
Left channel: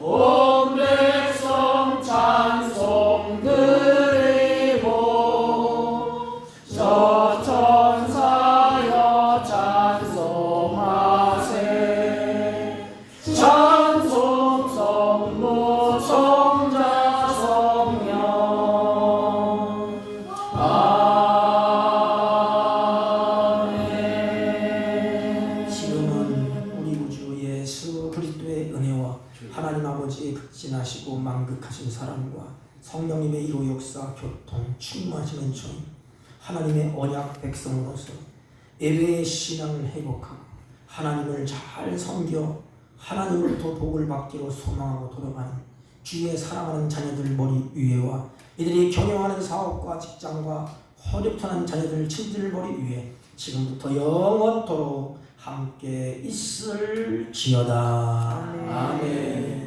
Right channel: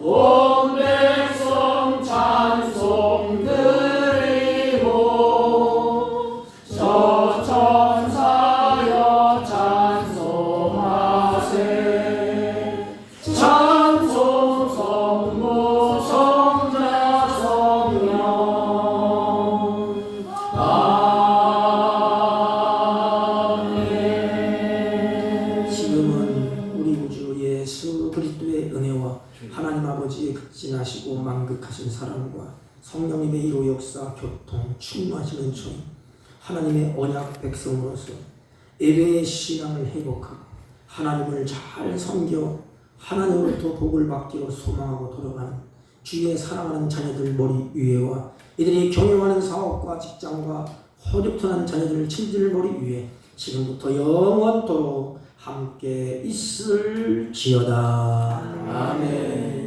온 백성 찬송 드리고 저 천사여 찬송하세 찬송 성모 성자 성령 지금은 우리 구주 예수 그리스도의 은혜와 하나님 아버지의 극진하시고 만극하신 사랑과 성령님의 이로 역사 교통 충만하신 은총이 하나님의 언약 백성으로서 예배의 신앙을 회복하고 하나님을 잘 섬겨 하나님으로부터 복을 받기로 소망하고 돌아가는 주의 사랑하는 자녀들 머리 위에와 이들이 경영하는 사업과 직장과 허접탄한 자녀들 친들 머리 위에 지금부터 영원토록 함께 있을지어다. 아멘.